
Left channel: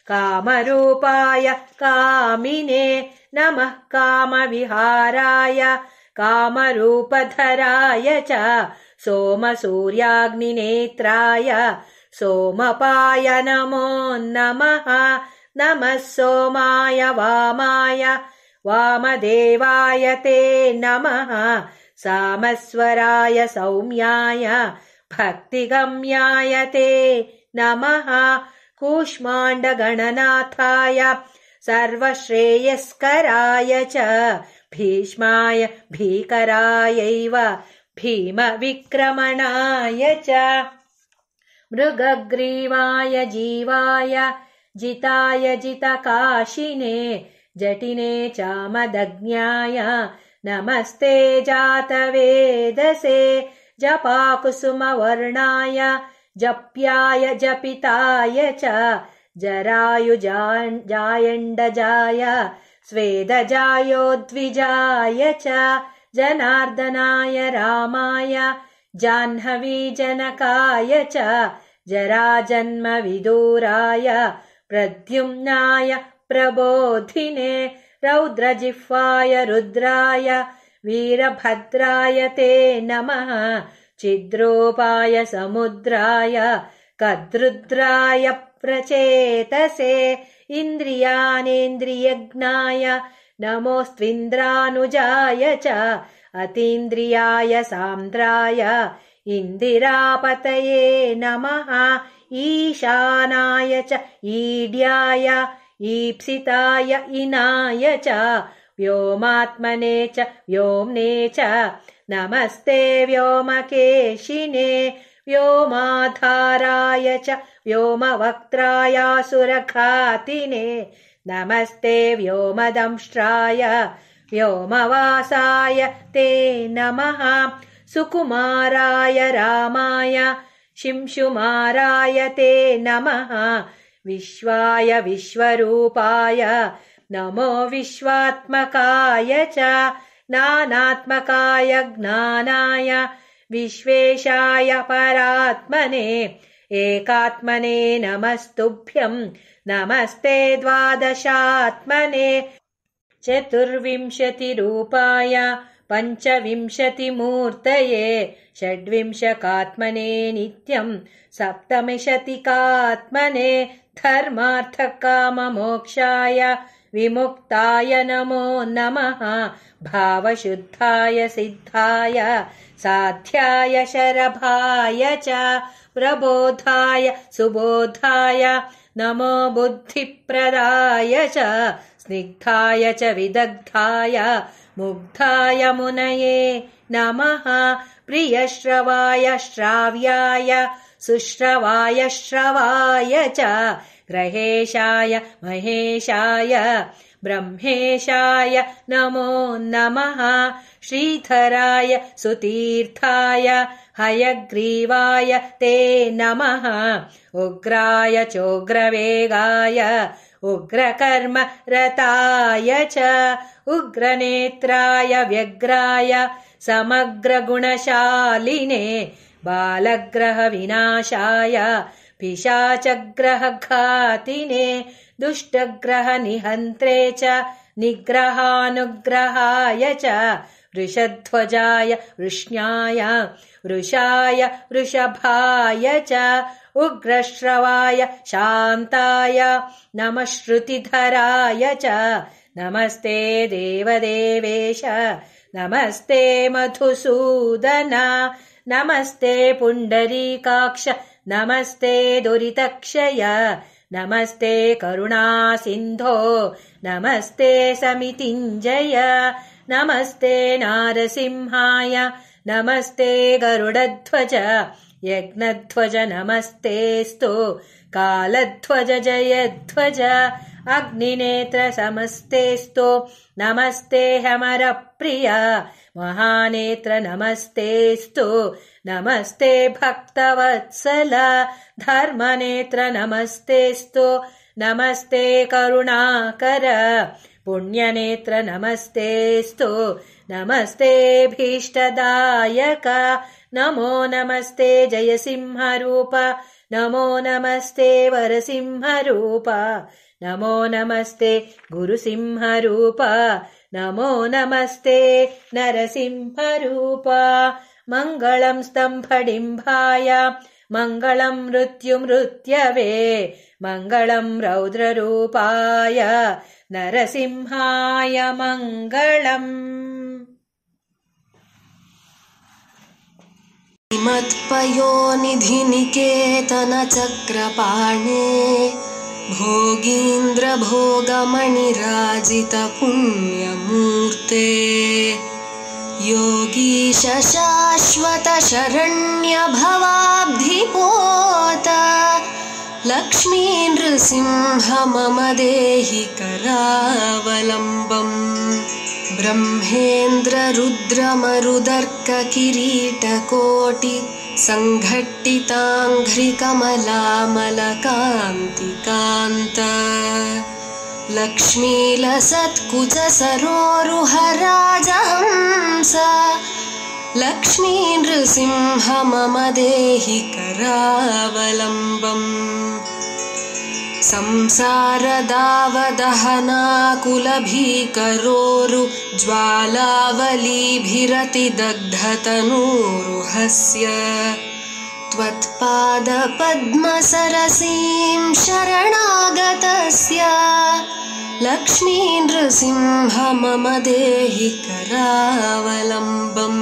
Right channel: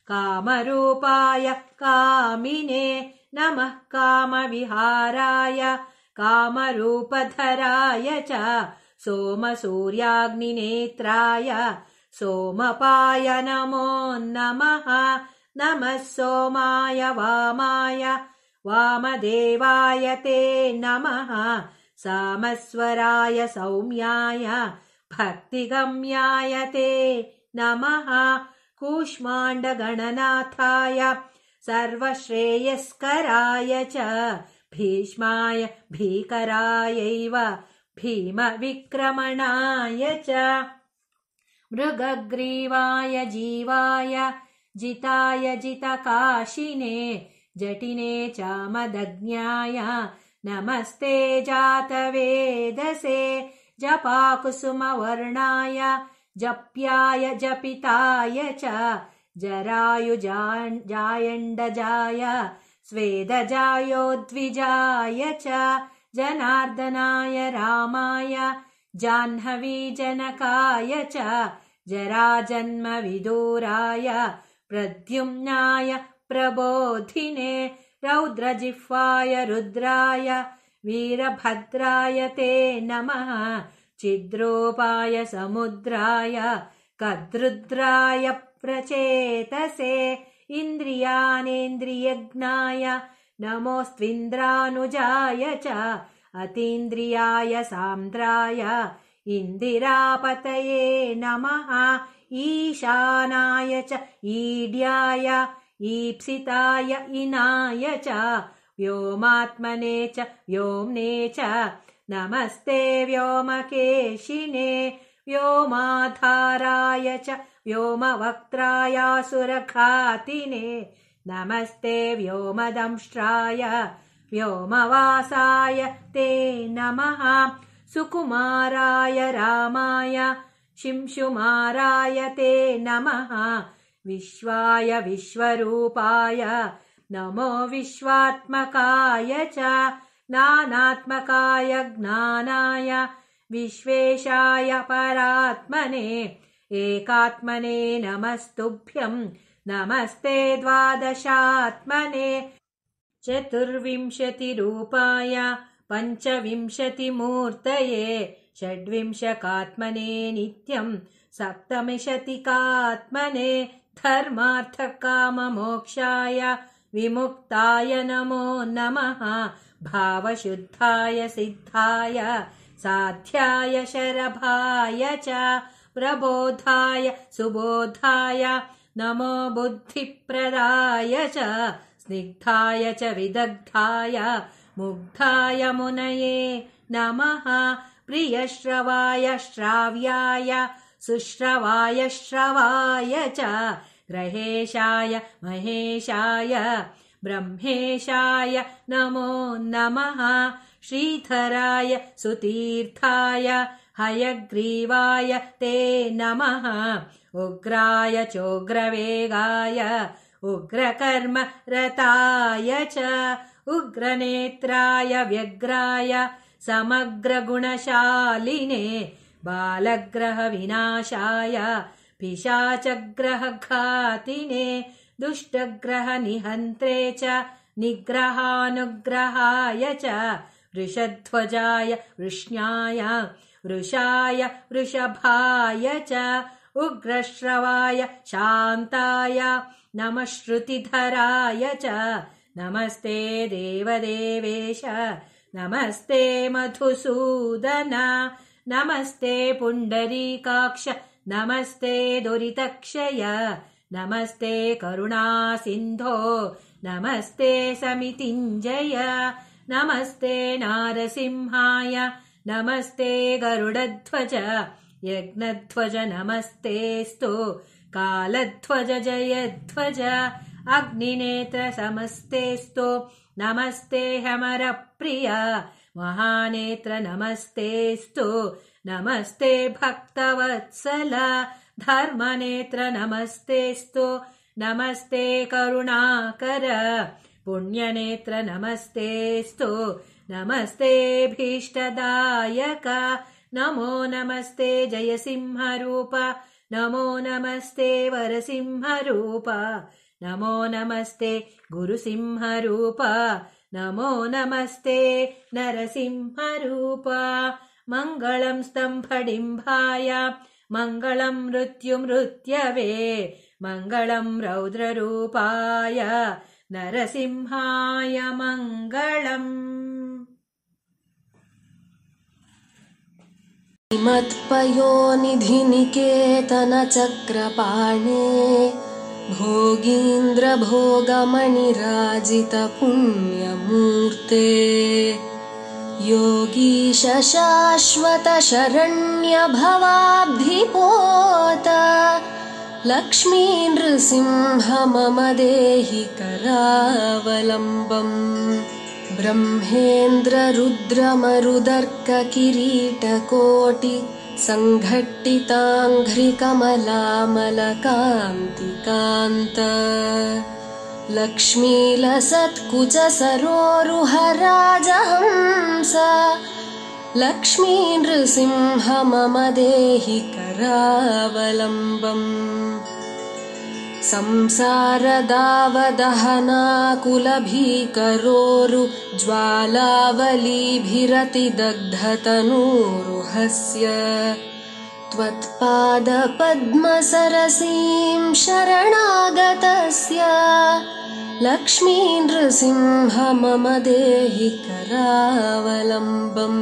कामरूपाय कामिने नमः कामविहाराय कामरूपधराय च सोमसूर्याग्निनेत्राय सोमपाय नमो नमः नमः सोमाय वामाय वामदेवाय ते नमः सामस्वराय सौम्याय भक्तिगम्याय ते नमः कूष्माण्डगणनाथाय सर्वश्रेयस्कराय च भीष्माय भीकरायैव भीमविक्रमणाय च मृगग्रीवाय जीवाय जिताय जितकाशिने जटिने चामदज्ञाय नमस्ते जातवेदसे जपाकुसुमवर्णाय जप्याय जपिताय च जरायुजायण्डजाय स्वेदजायोद्विजाय च जनार्दनाय रामाय जाह्नवीजनकाय च जराजन्मविदूराय प्रद्युम्नाय प्रबोधिने रौद्रजिह्वाय रुद्राय वीरभद्राय ते नमः चिद्रूपाय समुद्राय कद्रुद्राय प्रचेतसे इन्द्रियानेन्द्रियज्ञाय नमोऽस्त्विन्द्रानुजाय च अतीन्द्रियाय सान्द्राय इन्दिरापतये नमः ईशानाय च ईड्याय ईप्सिताय इनाय च व्योमात्मने च व्योम्ने च नमस्ते व्योमकेशिने व्योमाधाराय च व्योमवक्त्रायासुरघातिने नमस्ते व्योमदंष्ट्राय व्योमवासाय ते नमः सुकुमाराय रामाय शिंशुमाराय ते नमः विश्वाय विश्वरूपाय नमो विश्वात्मकाय च ज्ञानात्मकाय ज्ञानाय विश्वेशाय परात्मने एकात्मने नमस्तुभ्यं नमस्ते द्वादशात्मने चतुर्विंशतिरूपाय पञ्चविंशतिमूर्तये षड्विंशकात्मने नित्यं सप्तविंशतिकात्मने धर्मार्थकाममोक्षाय विमुक्ताय नमो नमः भावशुद्धाय सिद्धाय साध्याय शरभाय च प्रबोधाय सुबोधाय नमो बुद्धिप्रदाय च स्निग्धाय च विदग्धाय मुग्धाय मुनये नमः प्रियश्रवाय श्राव्याय सुश्रवाय श्रवाय च ग्रहेशाय महेशाय ब्रह्मेशाय नमो नमः श्रीधराय सुतीर्थाय हयग्रीवाय ते नमः उग्राय चोग्रवेगाय उग्रकर्मरताय च उग्रनेत्राय व्यग्राय समग्रगुणशालिने बालग्रहविनाशाय पिशाचग्रहघातिने दुष्टग्रहनिहन्त्रे च निग्रहानुग्रहाय च वृषध्वजाय वृष्ण्याय वृषाय वृषभाय च उग्रश्रवाय शान्ताय नमः श्रुतिधराय च नमस्ते देवदेवेश नमस्ते मधुसूदन नमस्ते पुण्डरीकाक्ष नमस्ते दुरितक्षय नमस्ते करुणासिन्धो नमस्ते समितिञ्जय नमस्ते नारसिंहाय नमस्ते गरुडध्वज यज्ञध्वज नमस्तेस्तु कालध्वज जयध्वज अग्निनेत्र समस्तेस्तु नमस्ते हमरप्रिय महानेत्र नमस्तेस्तु नमस्ते भक्तवत्सल धर्मनेत्र नमस्तेस्तु नमस्ते करुणाकर पुण्यनेत्र नमस्तेस्तु नमस्तेऽभीष्टदायक नमो नमस्ते जयसिंहरूप नमो नमस्ते वरसिंहरूप नमो नमस्ते गुरुसिंहरूप नमो नमस्ते नरसिंहरूप मङ्गलं स्तम्भडिम्बाय मङ्गलं मृत्युमृत्यवे मङ्गलं रौद्ररूपाय नरसिंहाय मङ्गलम्। मत्पयोनिधिनिकेतनचक्रपाणे भोगीन्द्रभोगमणिराजितपुण्यमूर्ते योगीश शाश्वत शरण्यभवाब्धिपोत लक्ष्मी नृसिंह मम देहि करावलम्बम् ब्रह्मेन्द्र रुद्रमरुदर्क किरीटकोटि सङ्घट्टिताङ्घ्रिकमलामलकान्तिकान्त लक्ष्मीलसत्कुच सरोरुहराजहंस लक्ष्मी नृसिंह मम देहि करावलम्बम् संसारदावदहनाकुलभीकरोरु ज्वालावलीभिरतिदग्धतनूरुहस्य त्वत्पादपद्मसरसीं शरणागतस्य लक्ष्मी नृसिंह मम देहि करावलम्बम्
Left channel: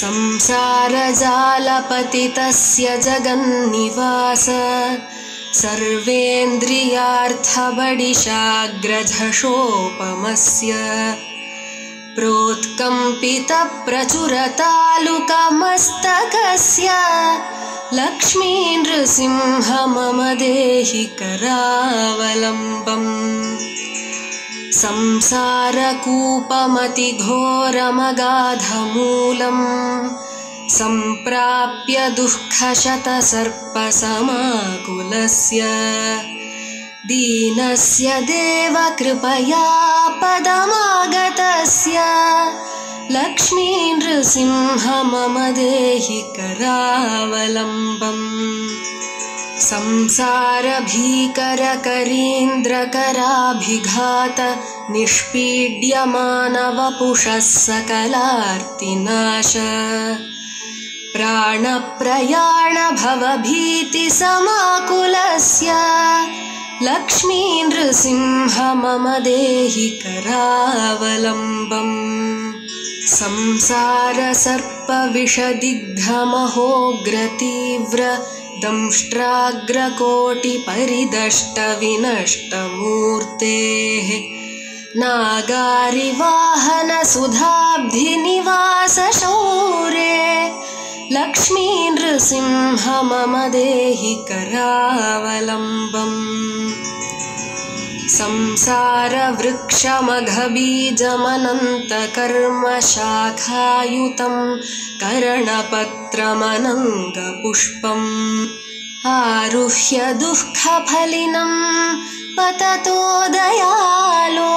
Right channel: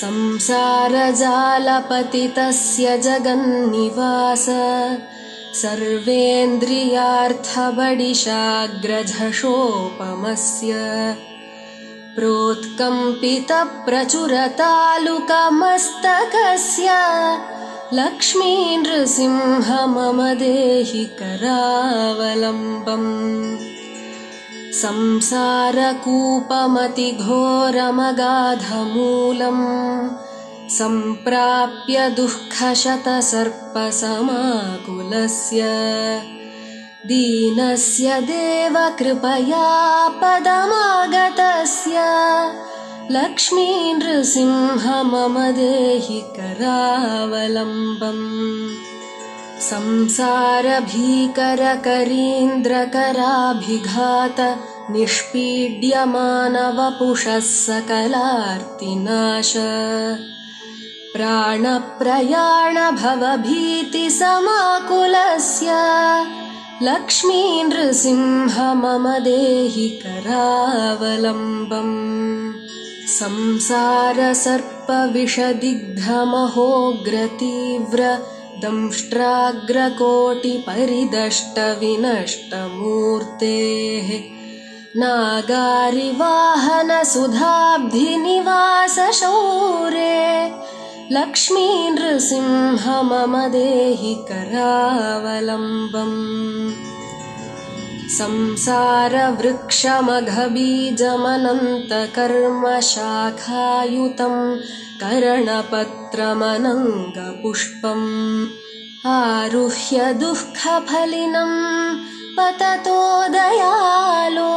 संसारजालपतितस्य जगन्निवास सर्वेन्द्रियार्थबडिशाग्रझषोपमस्य प्रोत्कम्पितप्रचुरतालुकमस्तकस्य लक्ष्मी नृसिंह मम देहि करावलम्बम् संसारकूपमतिघोरमगाधमूलम् सम्प्राप्य दुःखशतसर्पसमाकुलस्य दीनस्य देव कृपया पदमागतस्य लक्ष्मी नृसिंह मम देहि करावलम्बम् संसारभीकरकरीन्द्रकराभिघात निष्पीड्यमानवपुषः सकलार्तिनाश प्राणप्रयाणभवभीतिसमाकुलस्य लक्ष्मी नृसिंह मम देहि करावलम्बम् संसारसर्पविषदिग्धमहोग्रतीव्र दंष्ट्राग्रकोटिपरिदष्टविनष्टमूर्तेः नागारिवाहनसुधाब्धिनिवासशौरे लक्ष्मी नृसिंह मम देहि करावलम्बम् संसारवृक्षमघबीजमनन्तकर्मशाखायुतं करणपत्रमनङ्गपुष्पम् आरुह्य दुःखफलिनं पततो दयालो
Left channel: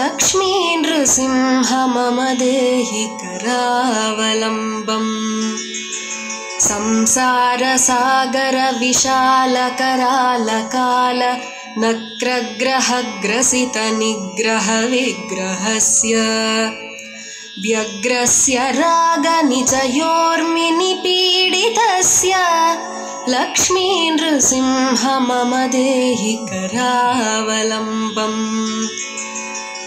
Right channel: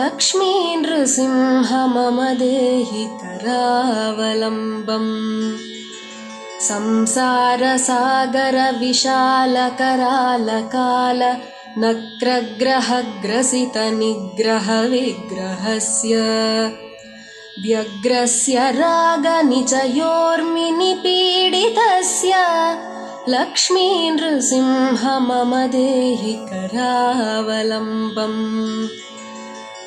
लक्ष्मी नृसिंह मम देहि करावलम्बम् संसारसागरविशालकरालकाल नक्रग्रहग्रसितनिग्रहविग्रहस्य व्यग्रस्य रागनिचयोर्मिनिपीडितस्य लक्ष्मी नृसिंह मम देहि करावलम्बम्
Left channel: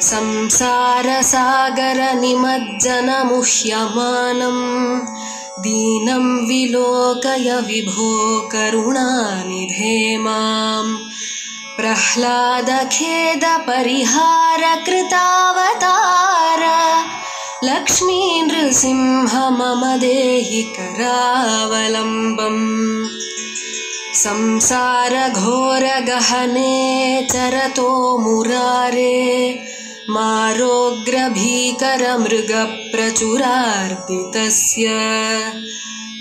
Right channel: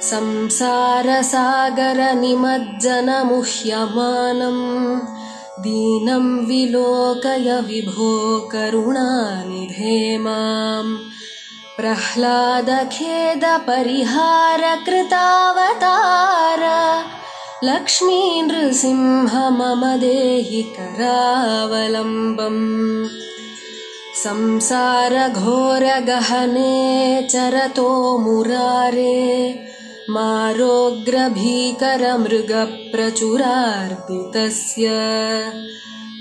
संसारसागरनिमज्जनमुह्यमानं दीनं विलोकय विभो करुणानिधे माम् प्रह्लादखेदपरिहारकृतावतार लक्ष्मी नृसिंह मम देहि करावलम्बम् संसारघोरगहने चरतो मुरारे मारोग्रभीकरमृगप्रचुरार्दितस्य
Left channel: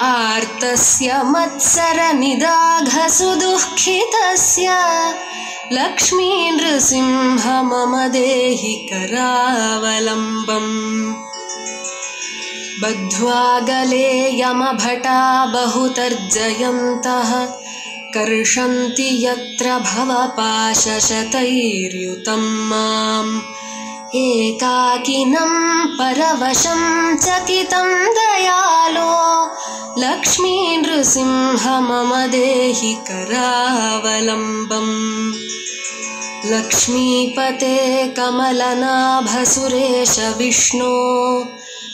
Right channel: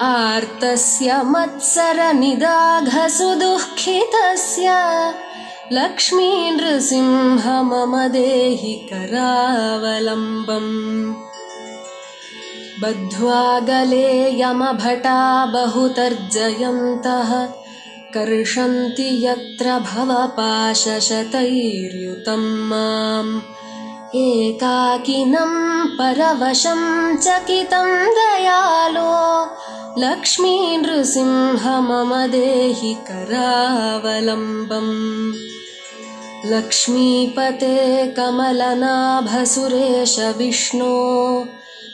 आर्तस्य मत्सरनिदाघसुदुःखितस्य लक्ष्मी नृसिंह मम देहि करावलम्बम् बद्ध्वा गले यमभटा बहुतर्जयन्तः कर्षन्ति यत्र भवपाशशतैर्युतं माम् एकाकिनं परवशं चकितं दयालो लक्ष्मी नृसिंह मम देहि करावलम्बम् लक्ष्मीपते कमलनाभसुरेश विष्णो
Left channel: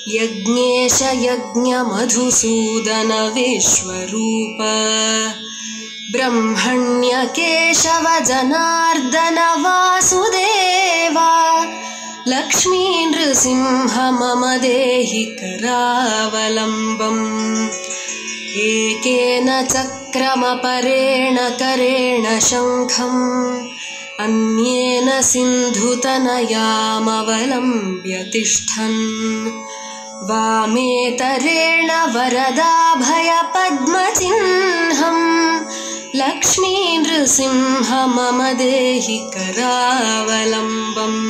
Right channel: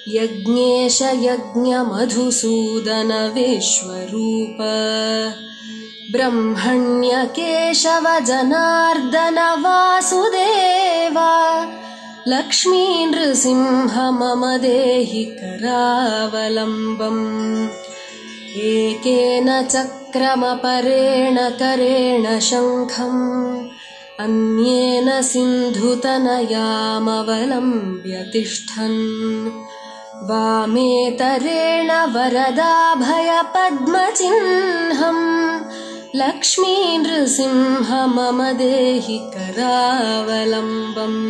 यज्ञेश यज्ञमधुसूदन विश्वरूप ब्रह्मण्य केशव जनार्दन वासुदेवा लक्ष्मी नृसिंह मम देहि करावलम्बम् एकेन चक्रमपरेण करेण शङ्खम् अन्येन सिन्धुतनयामवलम्ब्य तिष्ठन् वामेतरेण वरदाभयपद्मचिह्नम् लक्ष्मी नृसिंह मम देहि करावलम्बम्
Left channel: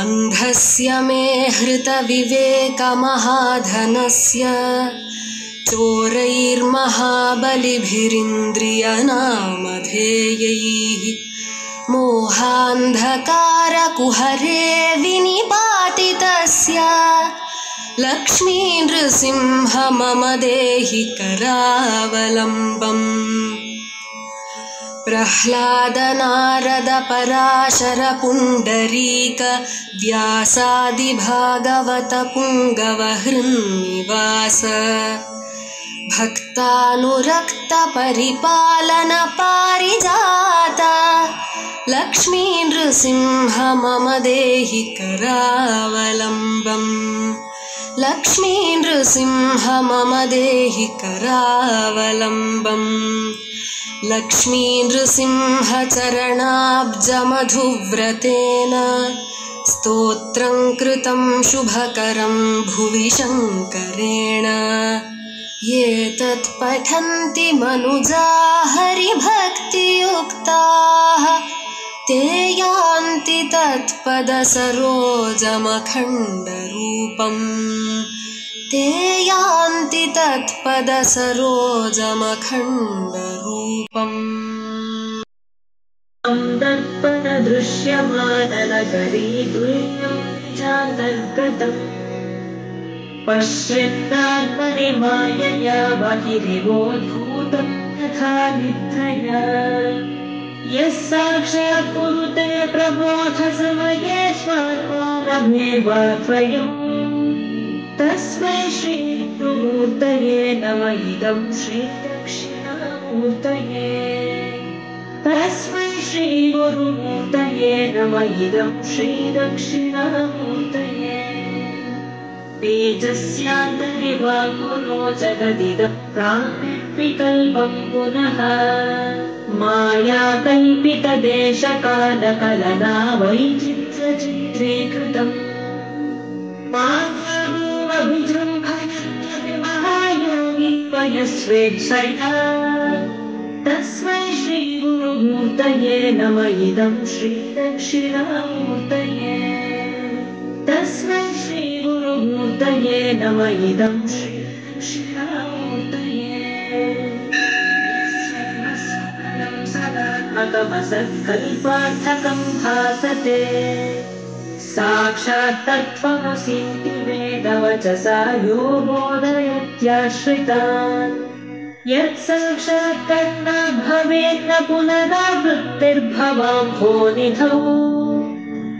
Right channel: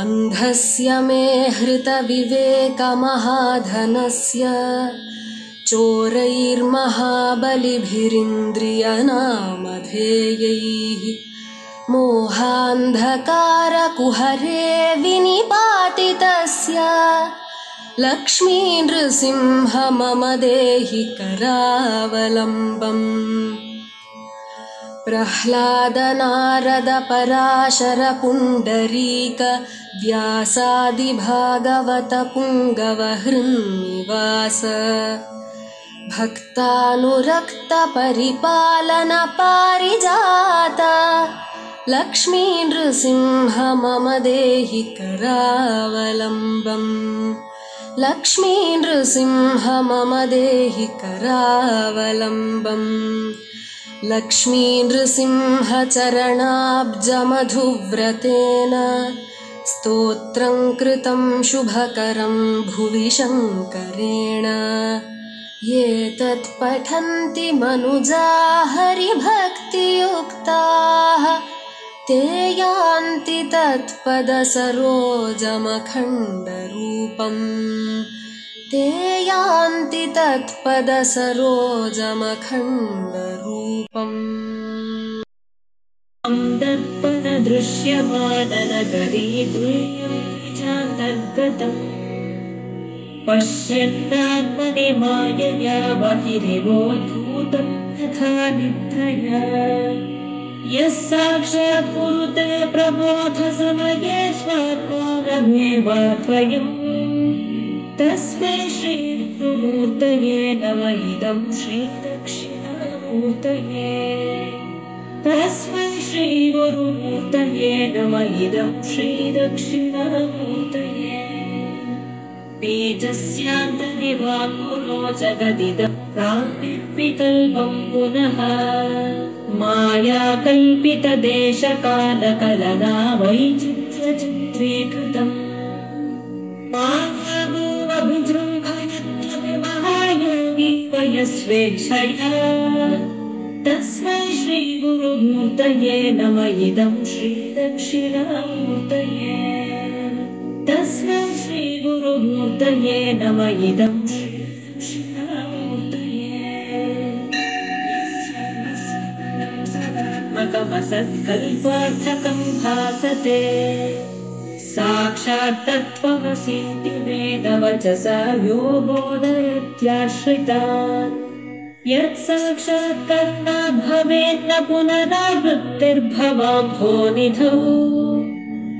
अन्धस्य मे हृतविवेकमहाधनस्य चोरैर्महाबलिभिरिन्द्रियनामधेयैः मोहान्धकारकुहरे विनिपातितस्य लक्ष्मी नृसिंह मम देहि करावलम्बम् प्रह्लादनारदपराशरपुण्डरीक व्यासादिभागवतपुङ्गवहृन्निवास भक्तानुरक्तपरिपालनपारिजात लक्ष्मी नृसिंह मम देहि करावलम्बम् लक्ष्मी नृसिंह मम देहि करावलम्बम् लक्ष्मी नृसिंह चरणाब्जमधुव्रतेन स्तोत्रं कृतं शुभकरं भुवि शङ्करेण ये तत्पठन्ति मनुजा हरिभक्तियुक्ताः ते यान्ति तत्पदसरोजमखण्डरूपम् ते यान्ति तत्पदसरोजमखण्डरूपम् दर्पणदृश्यमाननगरी तुल्यं निजान्तर्गतम् पश्यन्नात्मनि मायया बहिरिवोद्धूतं यथा निद्रया यः साक्षात् कुरुते प्रबोधसमये स्वात्मानमेवाद्वयम् तस्मै श्रीविष्णुमूर्तये नम इदं श्रीदक्षिणामूर्तये तस्मै श्रीगुरुमूर्तये नम इदं श्रीदक्षिणामूर्तये तेजस्यान्तरिवाङ्कुरो जगदिदं प्राङ्विकल्पं पुनः मायाकल्पितदेशकालकलना वैचित्र्यचित्रीकृतम् महायोगी वयस्वेच्छया तस्मै श्रीगुरुमूर्तये नम इदं श्रीदक्षिणामूर्तये तस्मै श्रीगुरुमूर्तये नम इदं श्रीदक्षिणामूर्तये सदात्मकमसत्कल्पार्थकं भासते साक्षात् तत्त्वमसीति वेदवचसा यो बोधयत्याश्रितान् यत् साक्षात् कर्णात् भवेन्न पुनरावृत्तिर्भवाम्भोनिधौ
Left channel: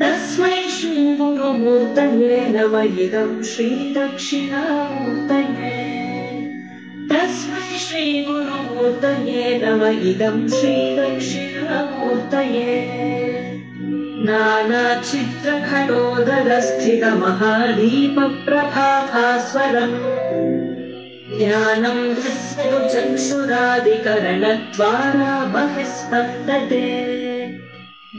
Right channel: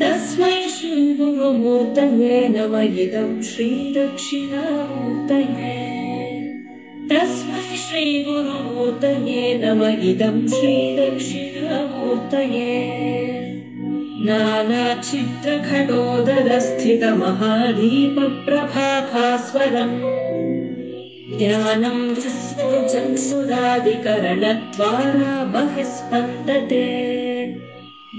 तस्मै श्रीगुरुमूर्तये नम इदं श्रीदक्षिणामूर्तये तस्मै श्रीगुरुमूर्तये नम इदं श्रीदक्षिणामूर्तये नानाचित्रघटोदरस्थितमहादीपप्रभाभास्वरम् ज्ञानं चक्षुरादिकरणद्वारा बहिस्पन्दते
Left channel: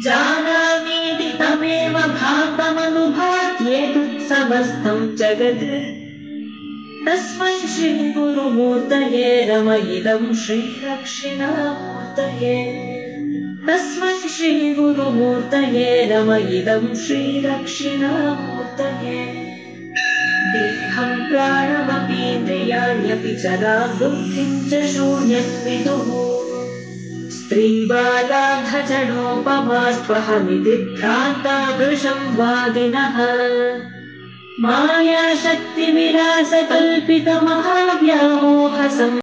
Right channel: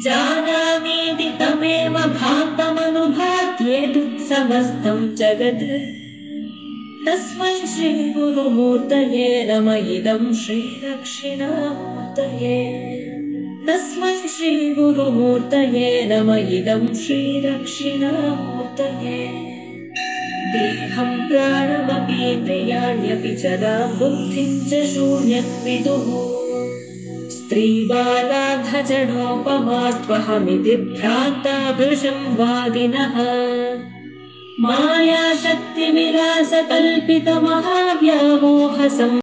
जानामीति तमेव भान्तमनुभात्येतुत्समस्तं जगत् तस्मै श्रीगुरुमूर्तये नम इदं श्रीदक्षिणामूर्तये तस्मै श्रीगुरुमूर्तये नम इदं श्रीदक्षिणामूर्तये देहं प्राणमपीन्द्रियाण्यपि चरां बुद्धिं च शून्यं विदुः स्त्रीबालाधजडोपमास्त्वहमिति भ्रान्ता वृषं वादिनः मायाशक्तिविलासकल्पितमहाव्यामोहसं